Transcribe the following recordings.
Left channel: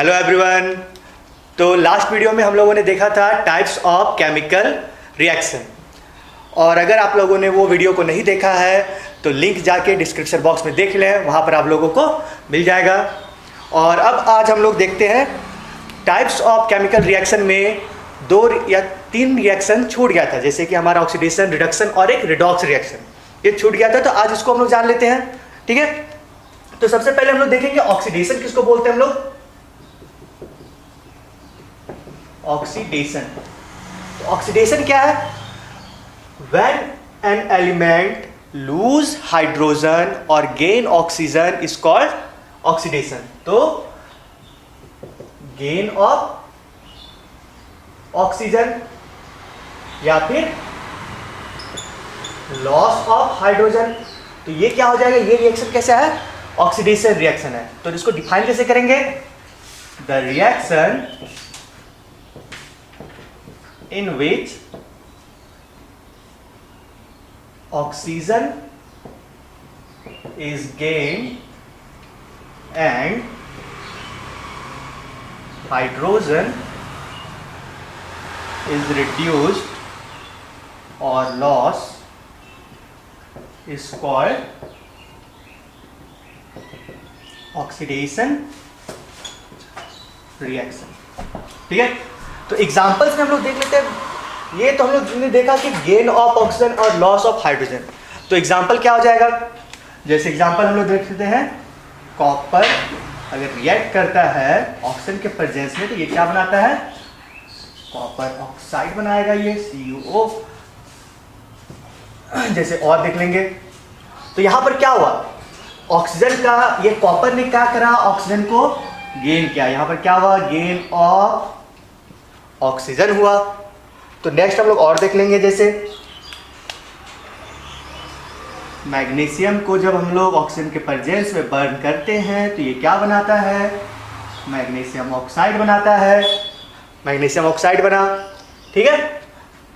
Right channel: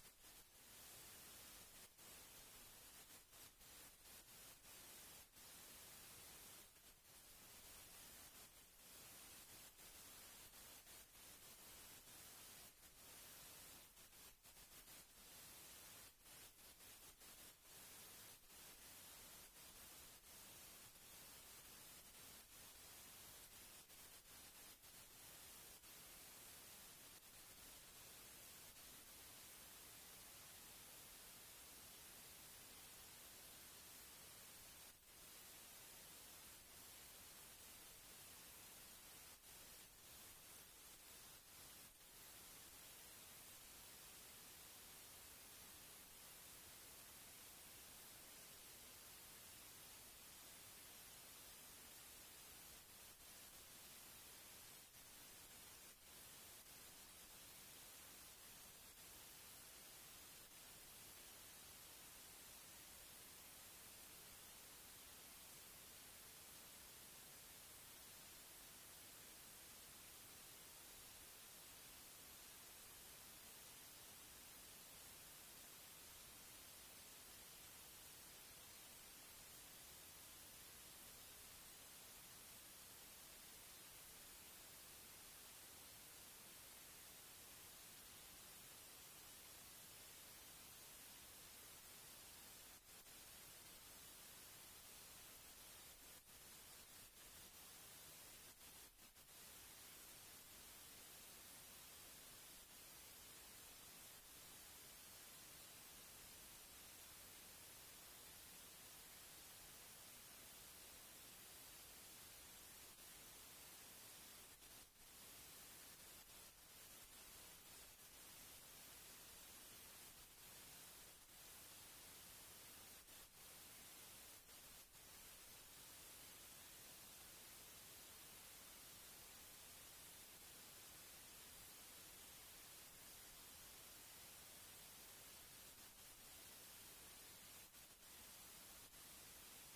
Hello everyone. तो last video में हम लोगों ने देखा था टाइप्स ऑफ केमिकल रिएक्शन, और अगर आप लोगों ने वो वीडियो को नहीं देखा है तो लिंक जाके डिस्क्रिप्शन बॉक्स में देख लें, वहाँ पर आप लोगों को मिल जाएगा। और अब आज हम लोग देखते हैं टाइप्स ऑफ केमिकल रिएक्शन में 2 या 3 रिएक्शन छूट गया था, जैसे कि हमारा ऑक्सीडेशन, रिडक्शन और एक रिडॉक्स रिएक्शन, ये छूट गया था। तो आज इसको हम लोग जान लेते हैं, ठीक है। तो सबसे पहले हम लोग देखेंगे ऑक्सीडेशन किसको बोलते हैं हम लोग। ऑक्सीडेशन, ऑक्सीडेशन क्या है? When an element lose hydrogen or gain oxygen is called oxidation। तो gain of oxygen या फिर loss of hydrogen, तो ये क्या हो जाएगा? ये रिएक्शन कैसा है? ऑक्सीडेशन रिएक्शन है। तो इसको डिफाइन कैसे करेंगे? The reaction in which oxygen is gained and hydrogen is reduced or lost is called oxidation reaction। ठीक है। तो एग्जांपल्स में हम लोग देख लेते हैं। ये तो हम लोग ने देखा कि गेन ऑफ ऑक्सीजन और लॉस ऑफ हाइड्रोजन। तो एग्जांपल क्या हो जाएगा? जैसे एग्जांपल हम लोग देख लेते हैं, कॉपर अगर रिएक्ट करता है ऑक्सीजन के प्रेजेंस में तो ये क्या बनाता है? कॉपर ऑक्साइड बनाएगा, ये CuO। जैसे और देख लेंगे तो यहां पर क्या हुआ? ऑक्सीजन का, ये कॉपर ने क्या करा? ऑक्सीजन को गेन किया। यहां पर क्या हुआ? गेन ऑफ ऑक्सीजन हुआ। तो नेक्स्ट हम लोग और देख लेंगे, जैसे मैग्नीशियम को जब हम लोग ऑक्सीजन के प्रेजेंस में बर्न करते हैं तो ये क्या बनाता है? मैग्नीशियम ऑक्साइड बनाता है। मैग्नीशियम ऑक्साइड बना, ठीक है।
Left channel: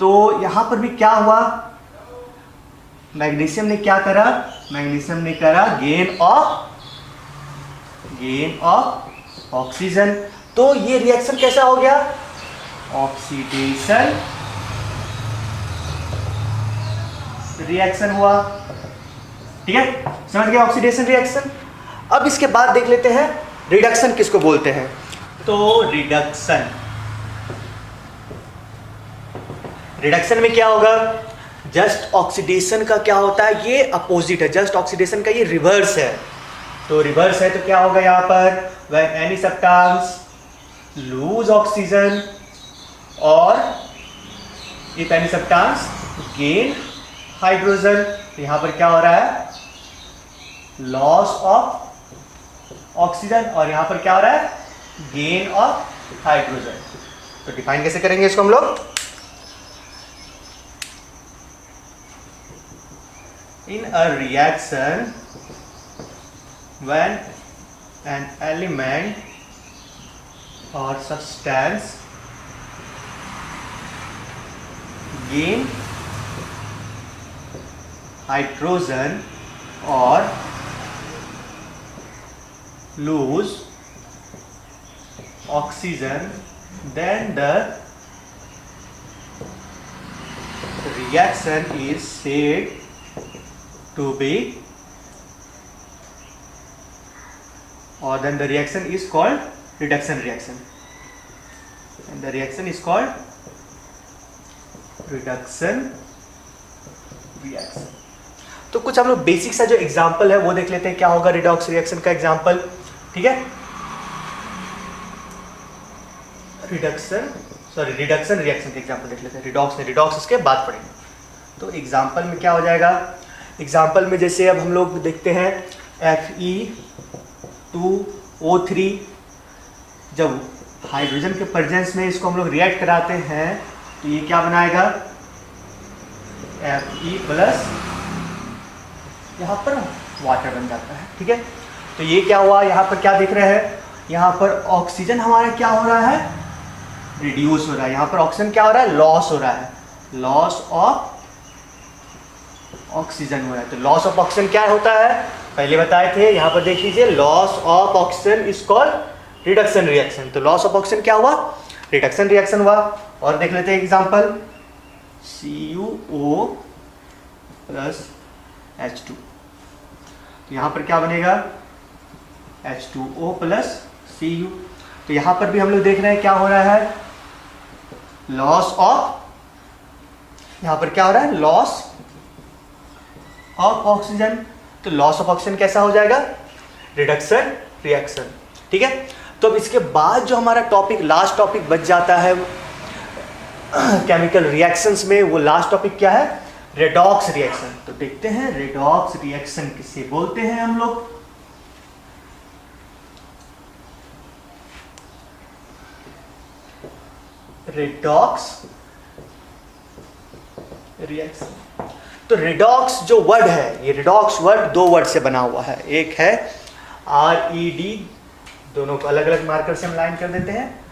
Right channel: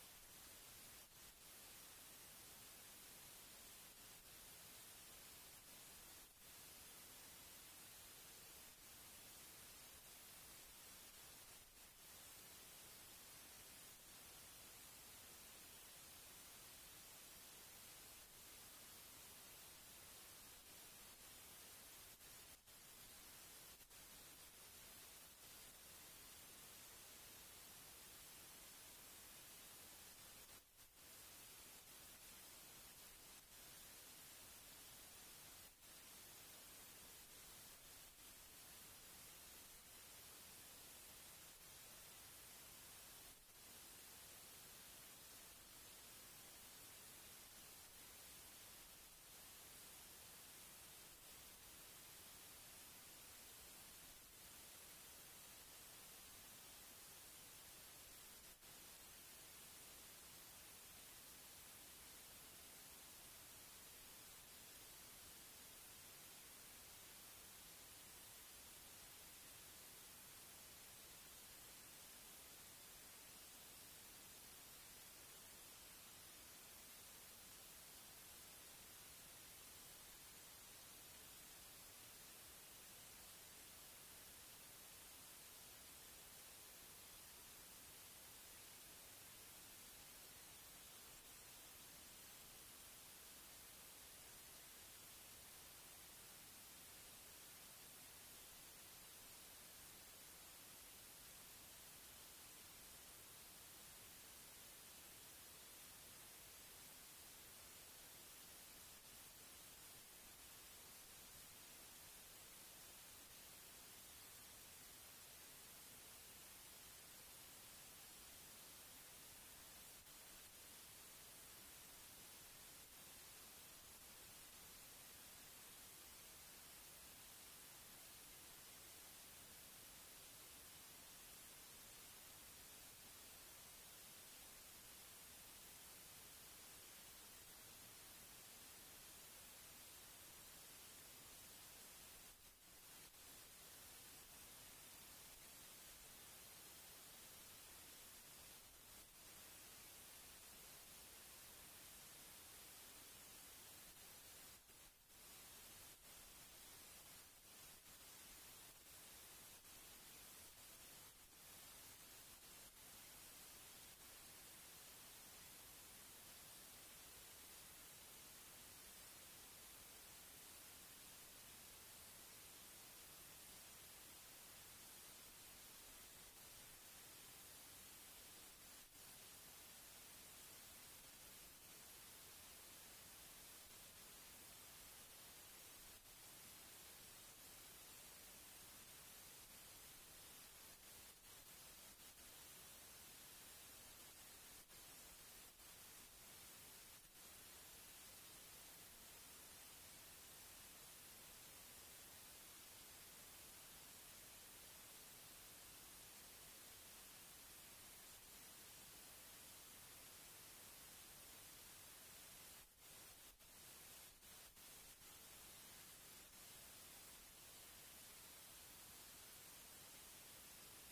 तो यहां पर भी क्या हुआ? मैग्नीशियम ने क्या करा? मैग्नीशियम ने करा गेन ऑफ ऑक्सीजन। तो ये रिएक्शन कैसा हो गया? ऑक्सीडेशन रिएक्शन हुआ, ठीक है। समझ गए ऑक्सीडेशन रिएक्शन। अब इसके बाद देख लेते हैं रिडक्शन किसको बोलते हैं। तो रिडक्शन में क्या होगा? जस्ट ऑक्सीडेशन का क्या होता है? ये अपोजिट है। जस्ट ऑक्सीडेशन का ये रिवर्स है। तो रिवर्स है तो क्या होगा यहाँ पर? When any substance lose oxygen और if any substance gain hydrogen, तो यहां पर क्या हो रहा है? लॉस ऑफ ऑक्सीजन, और यहां पर क्या हो रहा है? Gain of hydrogen. तो डिफाइन कैसे करेंगे इसको हम लोग? In a reaction when an element और substance gain hydrogen or lose oxygen, then the reaction is said to be, or then the reaction is called reduction reaction, and the reaction is called reduction reaction. तो कुछ हम लोग basic सा जो example है वो देख लेते हैं, क्या होगा रिडॉक्स रिएक्शन का एग्जांपल, ठीक है। रिडक्शन रिएक्शन के एग्जांपल देख लेते हैं। रिडॉक्स इसके बाद पढ़ेंगे। तो एग्जांपल में क्या हो जाएगा? एग्जांपल में जैसे अब हम लोग देखते हैं Fe2O3, जब हाइड्रोजन के प्रेजेंस में इसको हम लोग रिएक्ट कराते हैं तो ये क्या बनाएगा? Fe+, यहाँ पर वाटर बन जाता है, ठीक है। तो ये क्या हुआ? यहाँ पर क्या देख रहे हैं? यहाँ पर ऑक्सीजन हमारा क्या हो रहा है? रिड्यूस हो रहा है। यहाँ पर ऑक्सीजन क्या हो रहा है? लॉस हो रहा है। लॉस ऑफ ऑक्सीजन हो रहा है। तो लॉस ऑफ ऑक्सीजन क्या होता है? पहले बताए थे, यहाँ पर देख लीजिए, loss of oxygen is called reduction reaction. तो लॉस ऑफ ऑक्सीजन क्या हुआ? रिडक्शन रिएक्शन हुआ। और देख लेते हैं एग्जांपल, CuO प्लस H2। तो यहाँ पर क्या बनेगा? H2O plus Cu। तो यहाँ पर भी हम लोग देख रहे हैं क्या हो रहा है? लॉस ऑफ, यहाँ पर क्या हो रहा है? Loss of oxygen. तो लॉस ऑफ ऑक्सीजन कैसा हो जाएगा? Reduction reaction. ठीक है। तो अब इसके बाद जो हमारा टॉपिक, लास्ट टॉपिक बच जाता है केमिकल रिएक्शंस में, वो लास्ट टॉपिक क्या है? Redox reaction. तो देखते हैं रेडॉक्स रिएक्शन किसे बोलते हैं हम लोग। Redox reaction. तो रेडॉक्स जो वर्ड है, ये रेडॉक्स वर्ड दो वर्ड से बना हुआ है। एक है RED, दोनों को अलग अलग मार्कर से हम लाइन कर देते हैं,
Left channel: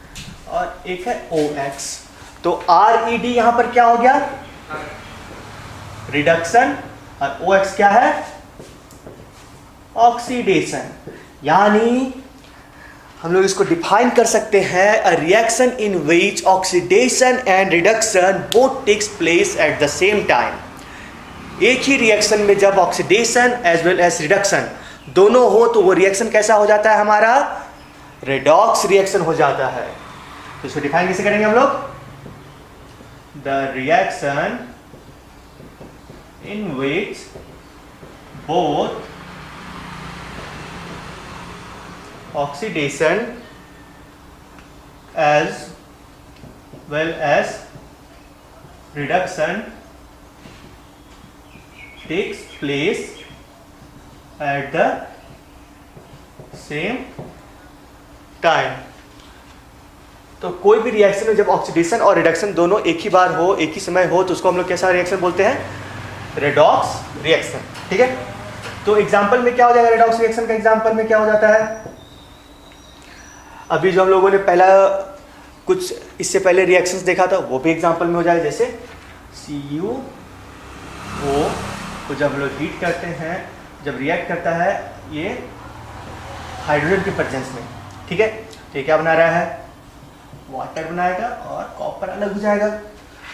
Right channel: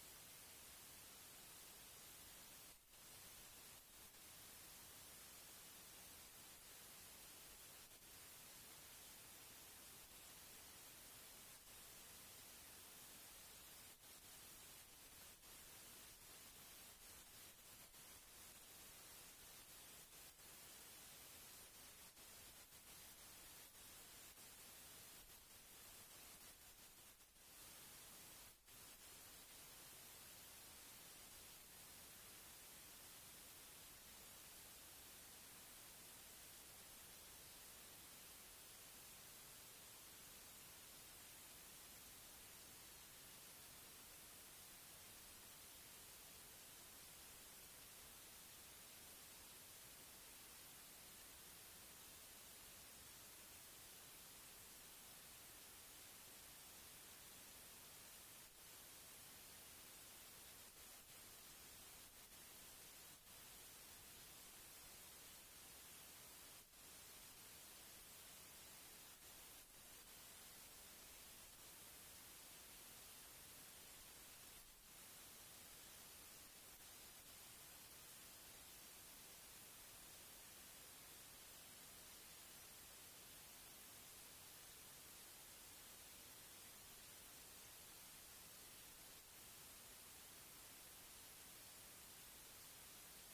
और एक है OX। तो RED यहां पर क्या हो गया? रिडक्शन, और OX क्या है? ऑक्सीडेशन। यानी हम लोग इसको डिफाइन कर सकते हैं, a reaction in which oxidation and reduction both takes place at the same time. एक ही रिएक्शन में जब oxidation as well as reduction दोनों हो तो वो रिएक्शन कैसा हो जाता है हमारा? रेडॉक्स रिएक्शन हो जाता है। तो इसको डिफाइन कैसे करेंगे हम लोग? The reaction in which both oxidation as well as reduction takes place at the same time। तो कोई भी रिएक्शन में जब ऑक्सीडेशन और रिडक्शन दोनों एक ही बार हो, एक ही समय हो, तो उसको हम लोग कैसा रिएक्शन बोलते हैं? Redox reaction. ठीक है। तो एग्जांपल में क्या हो जाएगा? रेडॉक्स रिएक्शन का एग्जांपल में क्या हो जाता है? अभी जो हम लोगों ने पहला कुछ इससे पहले रिएक्शंस देखा था वो भी एग्जांपल में हो जाएगा। जैसे CuO को जब हम लोग हीट करते हैं, जब रिएक्ट करता है ये हाइड्रोजन के प्रेजेंस में, ठीक है, तो ये क्या बना रहा है? वाटर बनाएगा और कॉपर अलग हो जाएगा।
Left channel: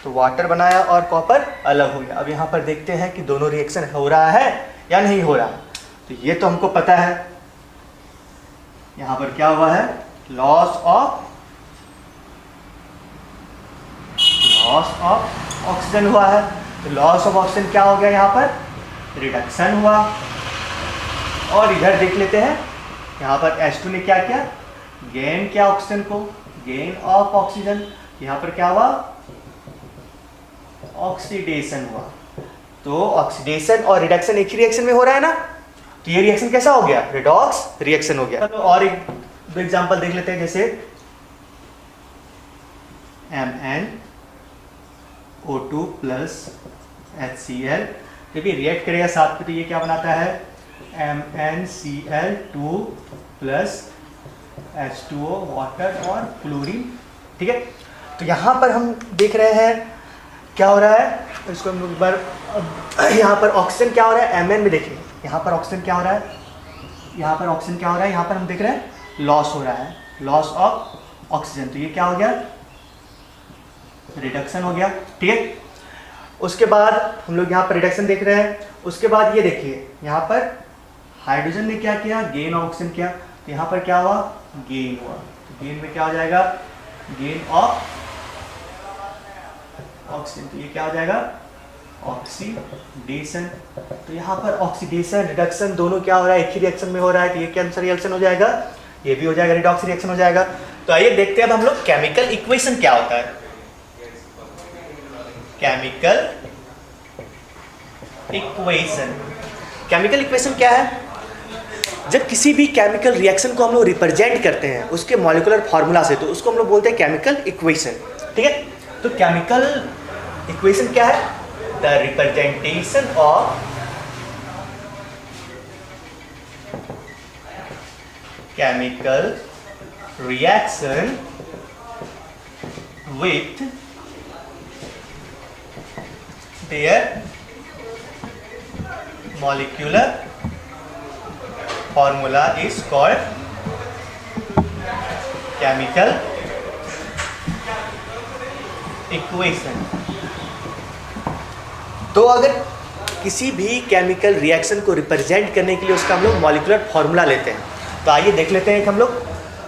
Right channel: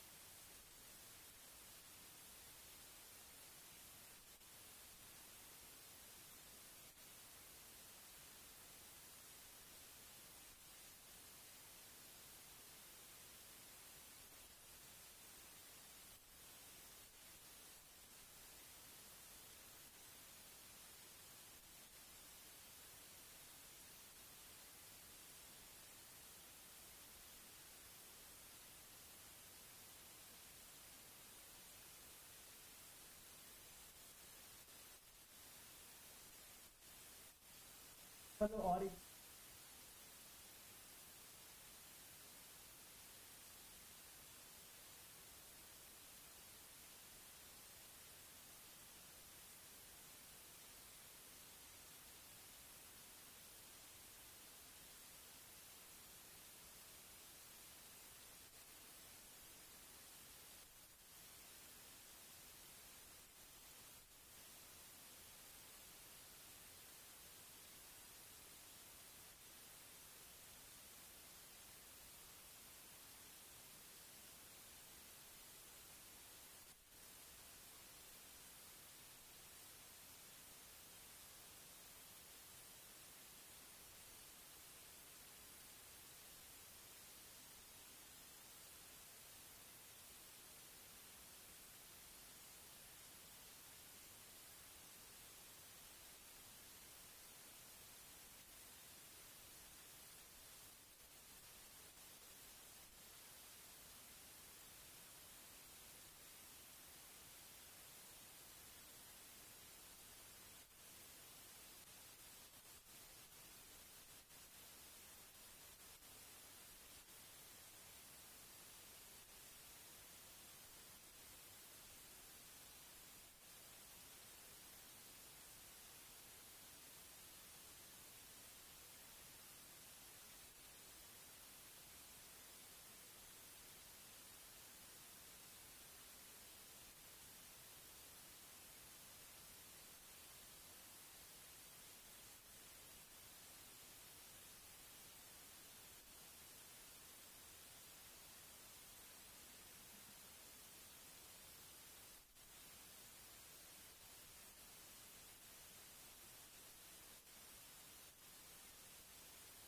तो वाटर बनाया और कॉपर अलग हो गया। अब यहाँ पर देखते हैं कि दोनों रिएक्शन हो रहा है या नहीं हो रहा। तो ये तो हमको पता है, यहाँ पर क्या हुआ है? लॉस ऑफ ऑक्सीजन हुआ है। तो लॉस ऑफ ऑक्सीजन क्या हो गया? यहाँ पर रिडक्शन हुआ। और इधर देख लेते हैं, यहाँ पर H2 ने क्या किया? गेन किया ऑक्सीजन को, गेन ऑफ ऑक्सीजन। यहाँ पर क्या हुआ? ऑक्सीडेशन हुआ। तो ऑक्सीडेशन और रिडक्शन एक ही रिएक्शन में हो रहा है ना, तो ये रिएक्शन कैसा हो गया? रेडॉक्स रिएक्शन हो गया। तो और एक दो एग्जांपल देख लेते हैं। जैसे MnO2 प्लस HCl, जब ये रिएक्ट करेगा साथ में तो ये क्या बनाता है? MnCl2 प्लस H2O, वाटर और क्लोरीन। ठीक है। तो यहाँ पर हम देख रहे हैं क्या हो रहा है, इसको हम एक बार, यहाँ पर ऑक्सीजन क्या हो रहा है? Mn में देखिए, यहाँ पर ऑक्सीजन क्या हो रहा है? यहाँ पर ऑक्सीजन क्या हो रहा है? यहाँ पर हम देख रहे हैं लॉस हो रहा है, लॉस ऑफ ऑक्सीजन। तो ये क्या हो गया? रिडक्शन हो गया। ठीक है। उसके बाद हम लोग यहाँ पर रिडक्शन देख रहे हैं। उसके बाद ये देखिए, यहाँ पर हाइड्रोजन ने क्या किया? गेन ऑक्सीजन किया। तो यहाँ पर क्या हुआ? गेन हुआ। तो गेन में क्या हो जाएगा? Gain of oxygen. तो ये क्या हो जाएगा? ऑक्सीडेशन। तो यहाँ पर ऑक्सीडेशन रिडक्शन दोनों क्या हो रहा है? एक ही रिएक्शन में हो रहा है। तो ये कौन सा रिएक्शन हो जाएगा? ये भी हो जाएगा रिडॉक्स रिएक्शन हो जाएगा। तो आइए देखते हैं अब हम लोग केमिकल इक्वेशन क्या होता है। केमिकल इक्वेशन, केमिकल इक्वेशन क्या है? जब किसी भी केमिकल रिएक्शन को हम लोग रिप्रेजेंट करते हैं उसके मॉलिक्यूलर फार्मूला से, तो उसको हम लोग बोलते हैं केमिकल इक्वेशन। ठीक है। तो केमिकल इक्वेशन क्या है? The representation of chemical reaction with their molecular formula is called chemical equation. तो अगर किसी भी केमिकल रिएक्शन को रिप्रेजेंट करने के लिए उसका हम लोग मॉलिक्यूलर फॉर्मूला लेते हैं। तो आइए देख लेते हैं हम लोग।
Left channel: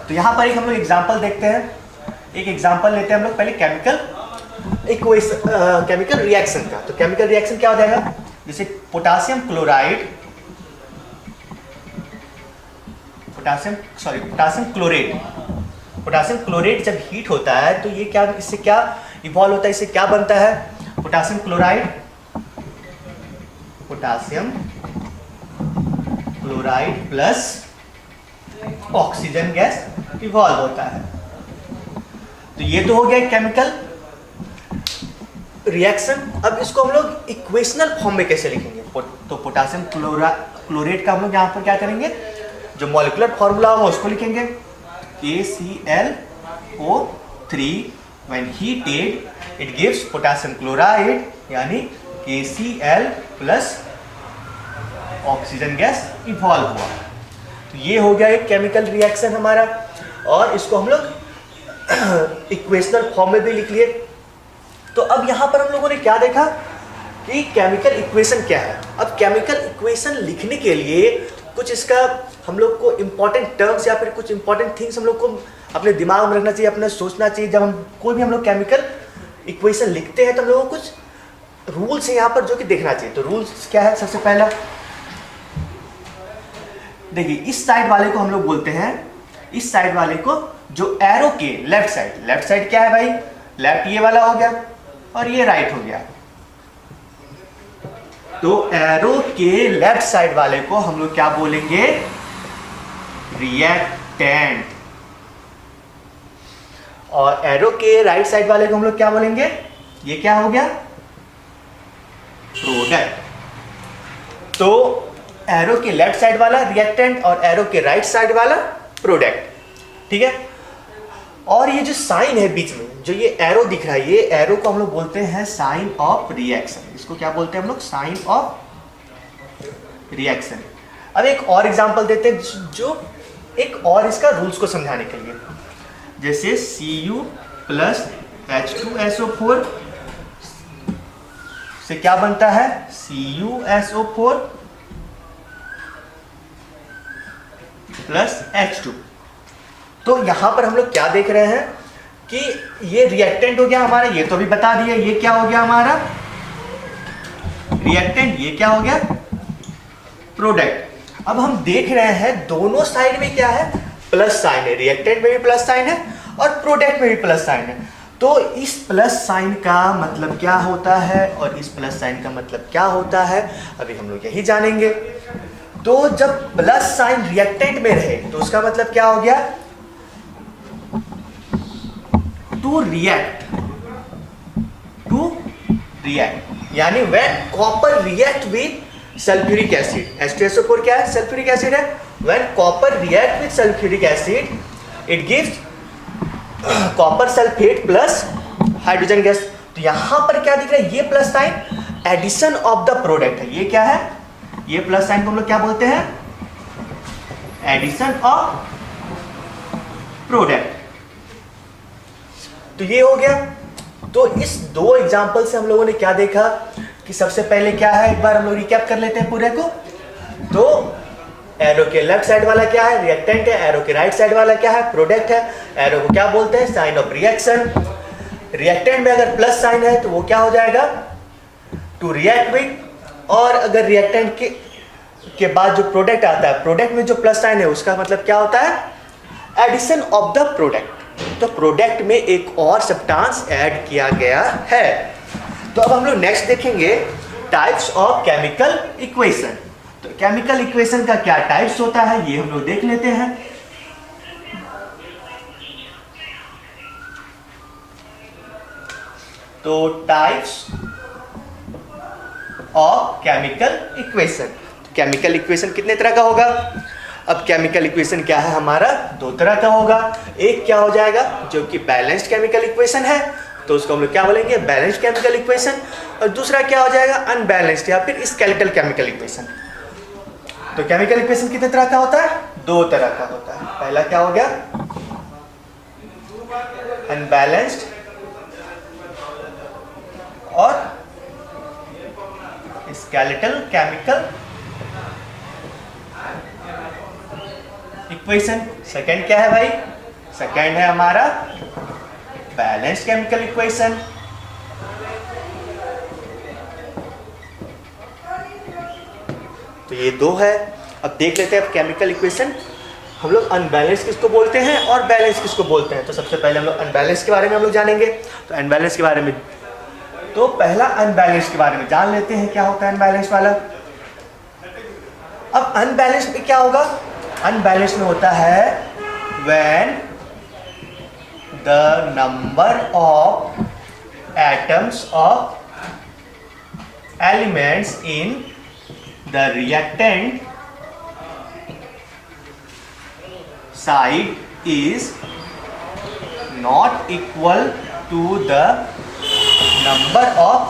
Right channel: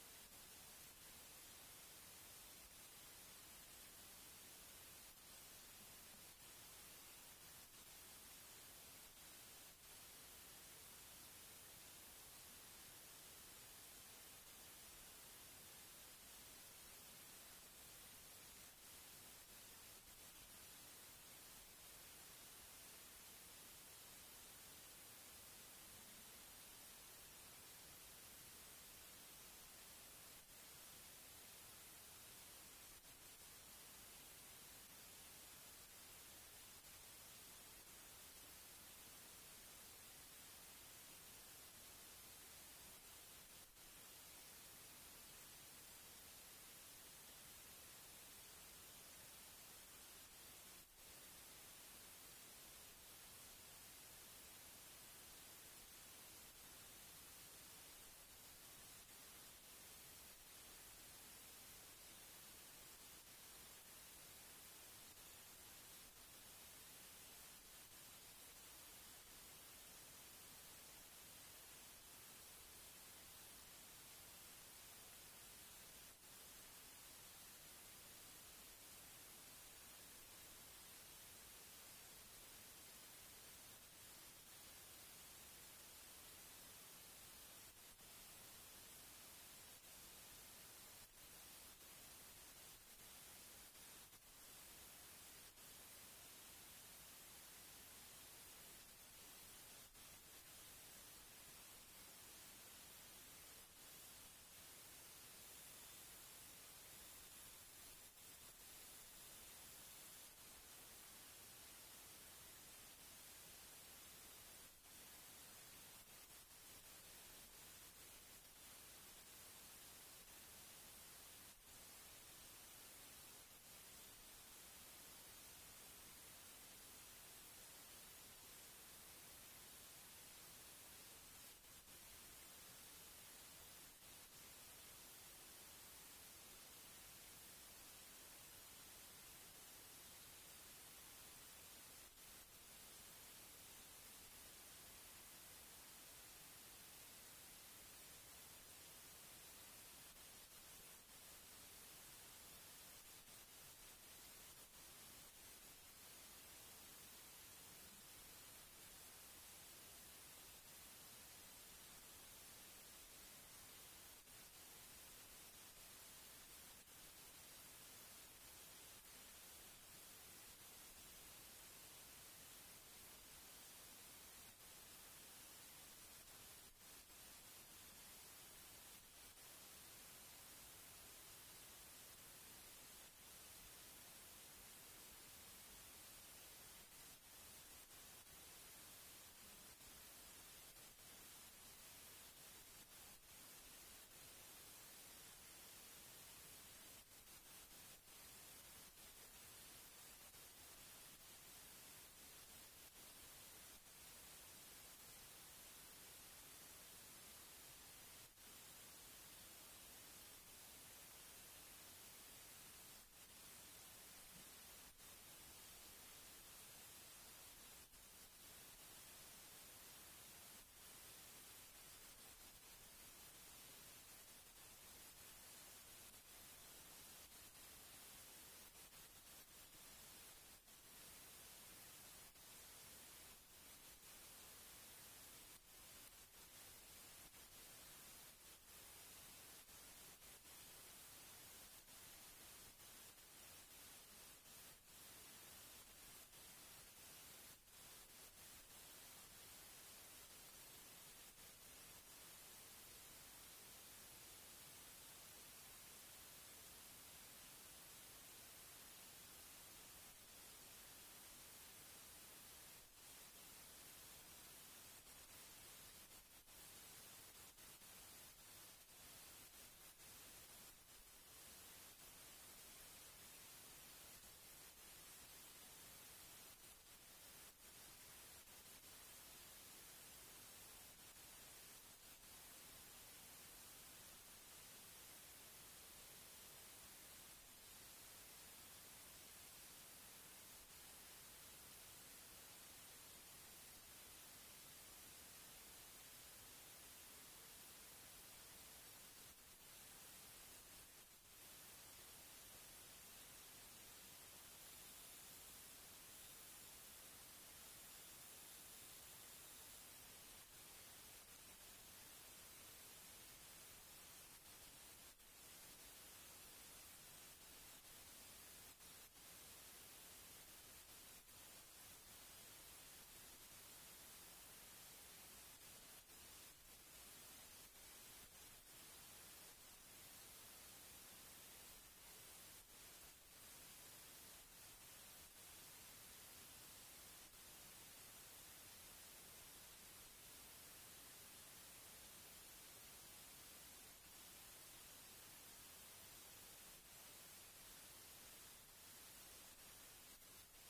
तो यहाँ पर एक हम लोग एग्जांपल देखते हैं। एक एग्जांपल लेते हैं हम लोग पहले केमिकल इक्वेशन, केमिकल रिएक्शन का। तो केमिकल रिएक्शन क्या हो जाएगा, जैसे पोटासियम क्लोराइड, पोटासियम क्लोरेट जब हीट होता है तो ये क्या, इससे क्या इवॉल्व होता है, इससे क्या बनता है, potassium chloride plus oxygen gas evolve होता है। तो ये तो हो गया केमिकल रिएक्शन। अब इसको हम लोग इक्वेशनल फॉर्म में कैसे लिखेंगे, तो पोटासियम क्लोरेट का हम लोग यहाँ पर क्या करेंगे, जो मॉलिक्यूलर फॉर्मूला होगा उसको लिखेंगे, KClO3 when heated it gives potassium chloride, यानी KCl plus oxygen gas evolve हुआ। तो ये हो गया एक केमिकल रिएक्शन हमारा, और इसको हम लोग इक्वेशनल फॉर्म में भी लिख लिए। तो अब यहाँ पर हम लोगों ने क्या देखा कि केमिकल इक्वेशन क्या है। अब केमिकल इक्वेशन लिखने के लिए कुछ इसका हम लोग को इम्पोर्टेंट टर्म्स या फिर कुछ इम्पोर्टेंट थिंग्स हम लोग को अपने दिमाग में रखना चाहिए, अपने सोचना चाहिए। जब हम कोई भी हम लोग केमिकल इक्वेशन लिखते हैं तो हम लोगों को कुछ रूल्स है यहाँ पर जो कि देखना चाहिए। तो रूल्स क्या है, सबसे पहला देखिए, इस साइड वाले को हम लोग बोलते हैं, इस साइड वाले को जो एरो के लेफ्ट साइड क्या है भाई, लेफ्ट ये वाला हो गया और ये राइट हो गया। तो एरो के लेफ्ट साइड वाले को हम लोग क्या बोलेंगे, रिएक्टेंट, और एरो के राइट साइड वाले को हम लोग क्या बोलेंगे, ये क्या हो गया, प्रोडक्ट। तो एरो के लेफ्ट साइड वाला रिएक्टेंट और एरो के राइट साइड वाला प्रोडक्ट, ठीक है। और ये जो साइन है बीच में, जो ये एरो दिख रहा है, ये एरो को हम लोग बोलते हैं साइन ऑफ रिएक्शन। इसको क्या बोलते हैं हम लोग, साइन ऑफ रिएक्शन। अब एक और एग्जांपल देते हैं, जो एक और इसका रूल्स को समझाने के लिए, जैसे Cu प्लस H2SO4 से क्या बनता है, CuSO4 प्लस H2। तो यहां पर हम लोग क्या देख रहे हैं कि ये रिएक्टेंट हो गया हमारा, ये तो अभी बता दिया, ये क्या हो गया हमारा रिएक्टेंट, ये क्या हो गया प्रोडक्ट। अब हम देख रहे हैं दोनों साइड में क्या है, प्लस साइन है, रिएक्टेंट में भी प्लस साइन है और प्रोडक्ट में भी प्लस साइन है। तो इस प्लस साइन का मतलब क्या होता है और इस प्लस साइन का मतलब क्या होता है, अभी हम लोग यही जानेंगे। तो जब प्लस साइन रिएक्टेंट में रहे तो उसका मतलब क्या हो गया, टू रिएक्ट, यानी when copper react with sulphuric acid, H2SO4 क्या है, सल्फ्यूरिक एसिड है। When copper react with sulphuric acid it gives copper sulphate plus hydrogen gas. तो यहां पर क्या दिख रहा है, ये plus sign addition of the product है। ये क्या है, ये प्लस साइन को हम लोग क्या बोलते हैं, एडिशन ऑफ प्रोडक्ट। तो ये हो गया। तो इस दो एग्जांपल से हम लोगों ने क्या देखा कि सबसे पहले क्या है, एक बार हम लोग रिकैप कर लेते हैं पूरे को। तो एरो के लेफ्ट साइड वाला क्या है, रिएक्टेंट है। एरो के राइट साइड वाला क्या है, प्रोडक्ट है। एरो को क्या बोलते हैं, साइन ऑफ रिएक्शन। रिएक्टेंट में अगर प्लस साइन है तो वो क्या हो जाएगा, टू रिएक्ट विद। और अगर रिएक्टेंट के बाद जो प्रोडक्ट आता है, प्रोडक्ट में जो प्लस साइन है उसका मतलब क्या होता है, एडिशन ऑफ द प्रोडक्ट। तो प्रोडक्ट में एक और सब्सटेंस ऐड किया गया है। तो अब हम लोग नेक्स्ट देखेंगे टाइप्स ऑफ केमिकल इक्वेशन। तो केमिकल इक्वेशन का क्या टाइप्स होता है ये हम लोग देख लेते हैं। तो types of chemical equation, chemical equation कितने तरह का होगा। अब केमिकल इक्वेशन क्या है हमारा, दो तरह का होगा। एक क्या हो जाएगा जो कि बैलेंस्ड केमिकल इक्वेशन है, तो उसको हम लोग क्या बोलेंगे, बैलेंस्ड केमिकल इक्वेशन। और दूसरा क्या हो जाएगा, अनबैलेंस्ड या फिर स्केलेटल केमिकल इक्वेशन। तो केमिकल इक्वेशन कितने तरह का होता है, दो तरह का होता है। पहला क्या हो गया, अनबैलेंस्ड और स्केलेटल केमिकल इक्वेशन। सेकंड क्या है भाई? सेकंड है हमारा बैलेंस्ड केमिकल इक्वेशन। तो ये दो है। अब देख लेते हैं अब केमिकल इक्वेशन हम लोग अनबैलेंस किसको बोलते हैं और बैलेंस किसको बोलते हैं। तो सबसे पहले हम लोग अनबैलेंस के बारे में हम लोग जानेंगे। तो अनबैलेंस के बारे में, तो पहला अनबैलेंस के बारे में जान लेते हैं क्या होता है अनबैलेंस वाला। अब अनबैलेंस में क्या होगा? अनबैलेंस में होता है when the number of atoms of elements in the reactant side is not equal to the number of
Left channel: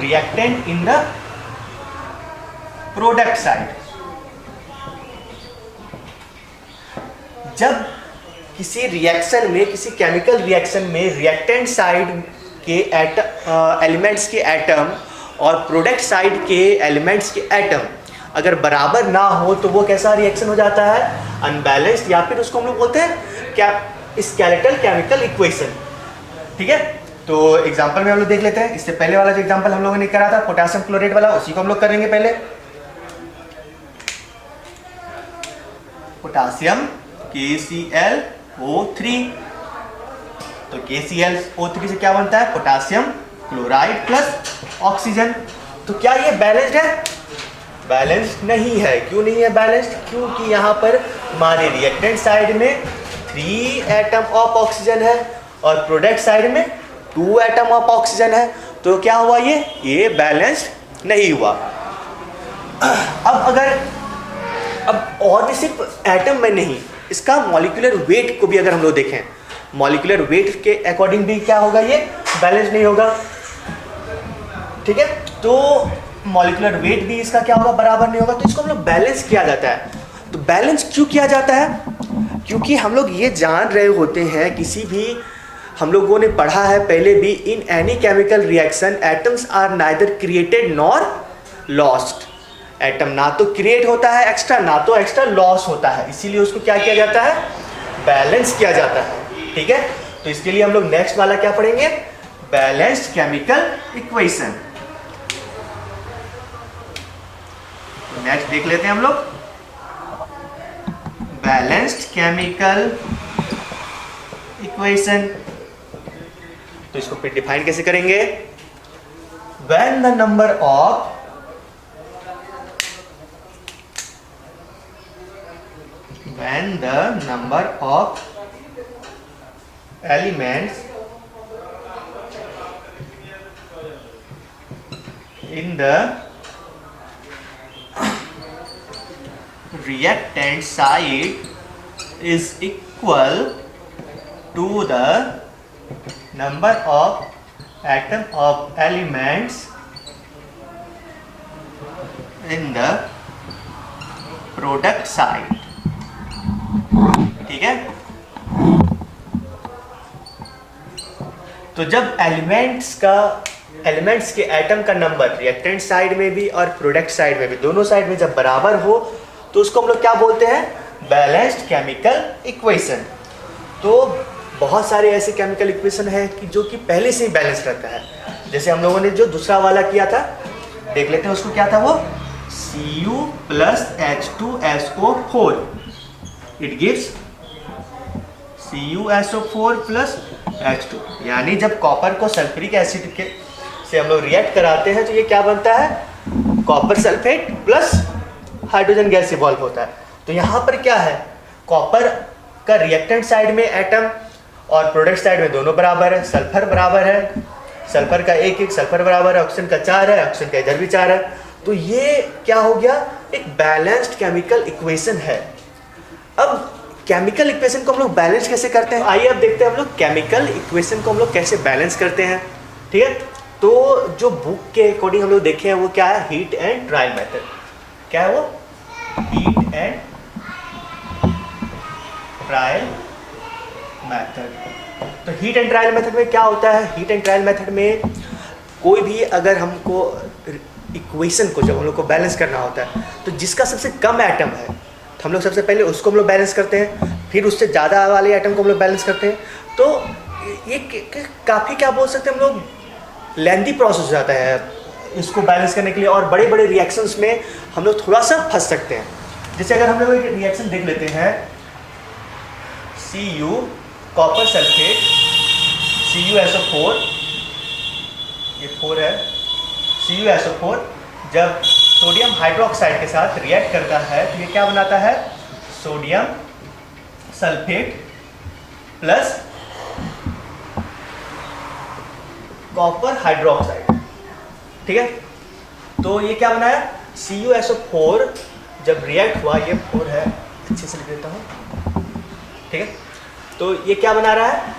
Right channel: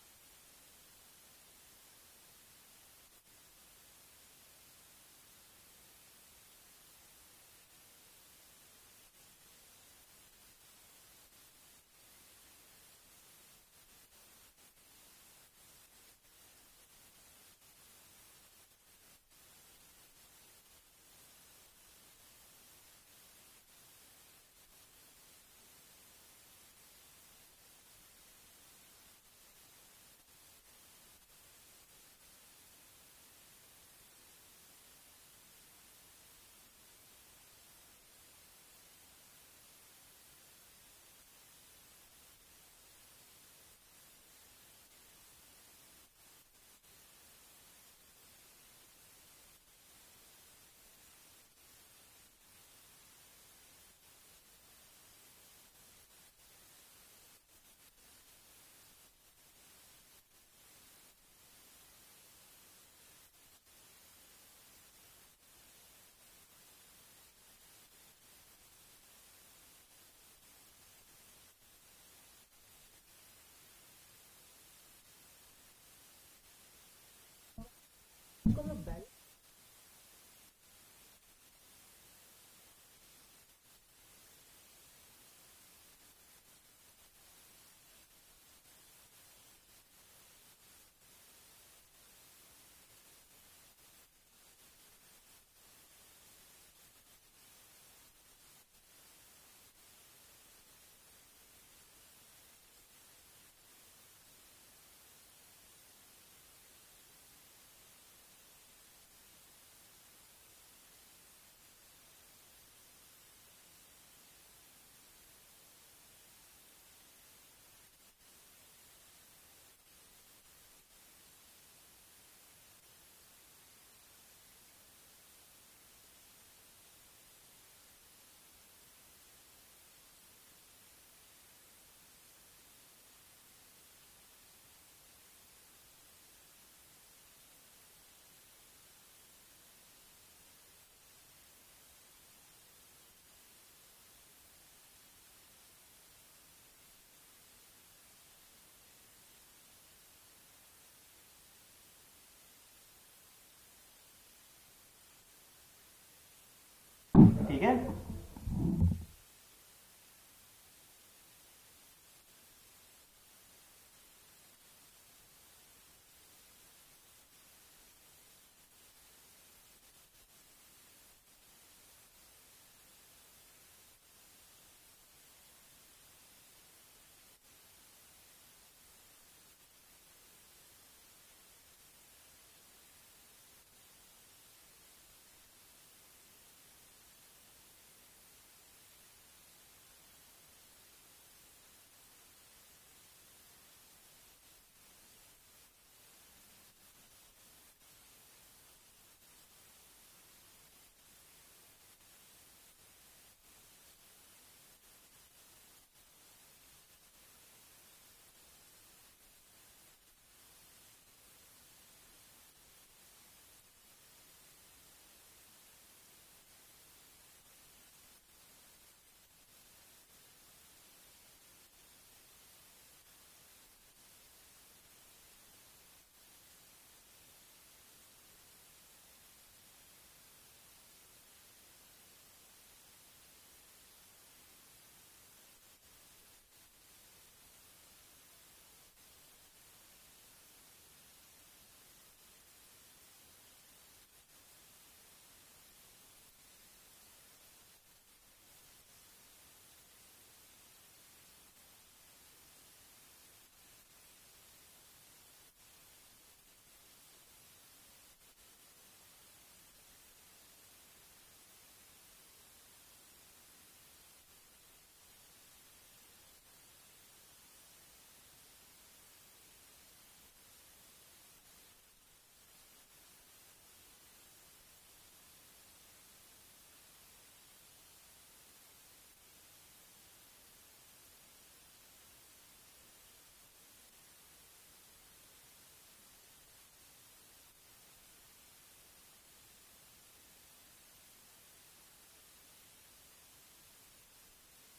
reactant in the product side। जब किसी रिएक्शन में, किसी केमिकल रिएक्शन में रिएक्टेंट साइड के एलिमेंट्स के एटम और प्रोडक्ट साइड के elements के एटम अगर बराबर ना हो तो वो कैसा रिएक्शन हो जाता है? अनबैलेंस्ड, या फिर उसको हम लोग बोलते हैं क्या? Skeletal chemical equation. ठीक है, तो एग्जांपल में हम लोग देख लेते हैं। इससे पहले वाला जो एग्जांपल हम लोगों ने करा था पोटेशियम क्लोराइड वाला, उसी को हम लोग करेंगे पहले। पोटेशियम KClO3, तो KClO3 से क्या बनता है? Potassium chloride plus oxygen. तो क्या ये बैलेंस्ड है? बैलेंस्ड नहीं है। क्यों नहीं है बैलेंस्ड? क्योंकि यहाँ पर हमारे रिएक्टेंट साइड में 3 एटम ऑफ ऑक्सीजन है और प्रोडक्ट साइड में 2 एटम ऑफ ऑक्सीजन है। तो क्या हुआ? ये बैलेंस्ड नहीं हुआ। अब और भी सिर्फ एटम में नहीं, इसका मॉलिक्यूलर वेट को भी अगर हम लोग देखें, मॉलिक्यूलर वेट के अकॉर्डिंग भी क्या होगा? ये बैलेंस नहीं होगा। ठीक है, तो मॉलिक्यूलर वेट भी इसका क्या होगा? बराबर नहीं होगा। तो इसको हम लोग बैलेंस किया जाता है। तो बैलेंस क्यों किया जाता है? क्योंकि हम लोग ये जान रहे होते हैं, किसी भी हम लोगों ने पढ़ा है पहले भी, in any chemical reaction atoms are neither created nor lost. Atom ना तो क्रिएट होता है एक्स्ट्रा, ना तो एक्स्ट्रा लॉस होता है, इसीलिए उसको क्या किया जाता है? बैलेंस किया जाता है। ठीक है, तो इसके लिए हम लोग नेक्स्ट वाला क्या पढ़ेंगे? Balanced chemical equation. नेक्स्ट देख लेते हैं हम लोग बैलेंस्ड केमिकल इक्वेशन। तो इसको फिर डिफाइन कैसे करेंगे? When the number of elements in the reactant side is equal to the number of atom of elements in the product side। ठीक है, तो जब एलिमेंट्स के एटम का नंबर रिएक्टेंट साइड में भी और प्रोडक्ट साइड में भी, दोनों साइड में जब बराबर हो, तो उसको हम लोग क्या बोलते हैं? Balanced chemical equation. तो बहुत सारे ऐसे केमिकल इक्वेशन है कि जो कि पहले से ही बैलेंस रहता है। जैसे हम लोगों ने जो दूसरा वाला किया था, देख लेते हैं उसको क्या था वो? Cu plus H2SO4 it gives CuSO4 plus H2। यानी जब कॉपर को सल्फ्यूरिक एसिड के से हम लोग रिएक्ट कराते हैं तो ये क्या बनता है? Copper sulphate plus hydrogen gas evolve होता है। तो यहाँ पर क्या है? कॉपर का रिएक्टेंट साइड में एटम और प्रोडक्ट साइड में दोनों बराबर है। सल्फर बराबर है, सल्फर का 1 सल्फर बराबर है, ऑक्सीजन का 4 है, ऑक्सीजन का इधर भी 4 है। तो ये क्या हो गया? एक बैलेंस्ड केमिकल इक्वेशन है। अब केमिकल इक्वेशन को हम लोग बैलेंस कैसे करते हैं? आइए अब देखते हैं हम लोग केमिकल इक्वेशन को हम लोग कैसे बैलेंस करते हैं। ठीक है, तो जो बुक के अकॉर्डिंग हम लोग देखे हैं वो क्या है? Heat and trial method. क्या है वो? Heat and trial method. तो हीट एंड ट्रायल मेथड में क्या होता है, हीट एंड ट्रायल मेथड में कोई भी अगर हमको इक्वेशन को जब हम लोग को बैलेंस करना होता है तो जिसका सबसे कम एटम है तो हम लोग सबसे पहले उसको हम लोग बैलेंस करते हैं, फिर उससे ज़्यादा वाले एटम को हम लोग बैलेंस करते हैं। तो ये काफ़ी क्या बोल सकते हैं हम लोग, लेंथी प्रोसेस हो जाता है इसको बैलेंस करने के लिए, और बड़े बड़े रिएक्शंस में हम लोग थोड़ा सा फंस सकते हैं। जैसे अगर हम लोग एक रिएक्शन देख लेते हैं, Cu कॉपर सल्फेट CuSO4, ये 4 है, CuSO4 जब सोडियम हाइड्रोक्साइड के साथ रिएक्ट करता है तो ये क्या बनाता है, sodium sulphate plus copper hydroxide. ठीक है, तो ये क्या बनाया, CuSO4 जब रिएक्ट हुआ, ये 4 है, अच्छे से लिख देता हूँ। ठीक है, तो ये क्या बना रहा है।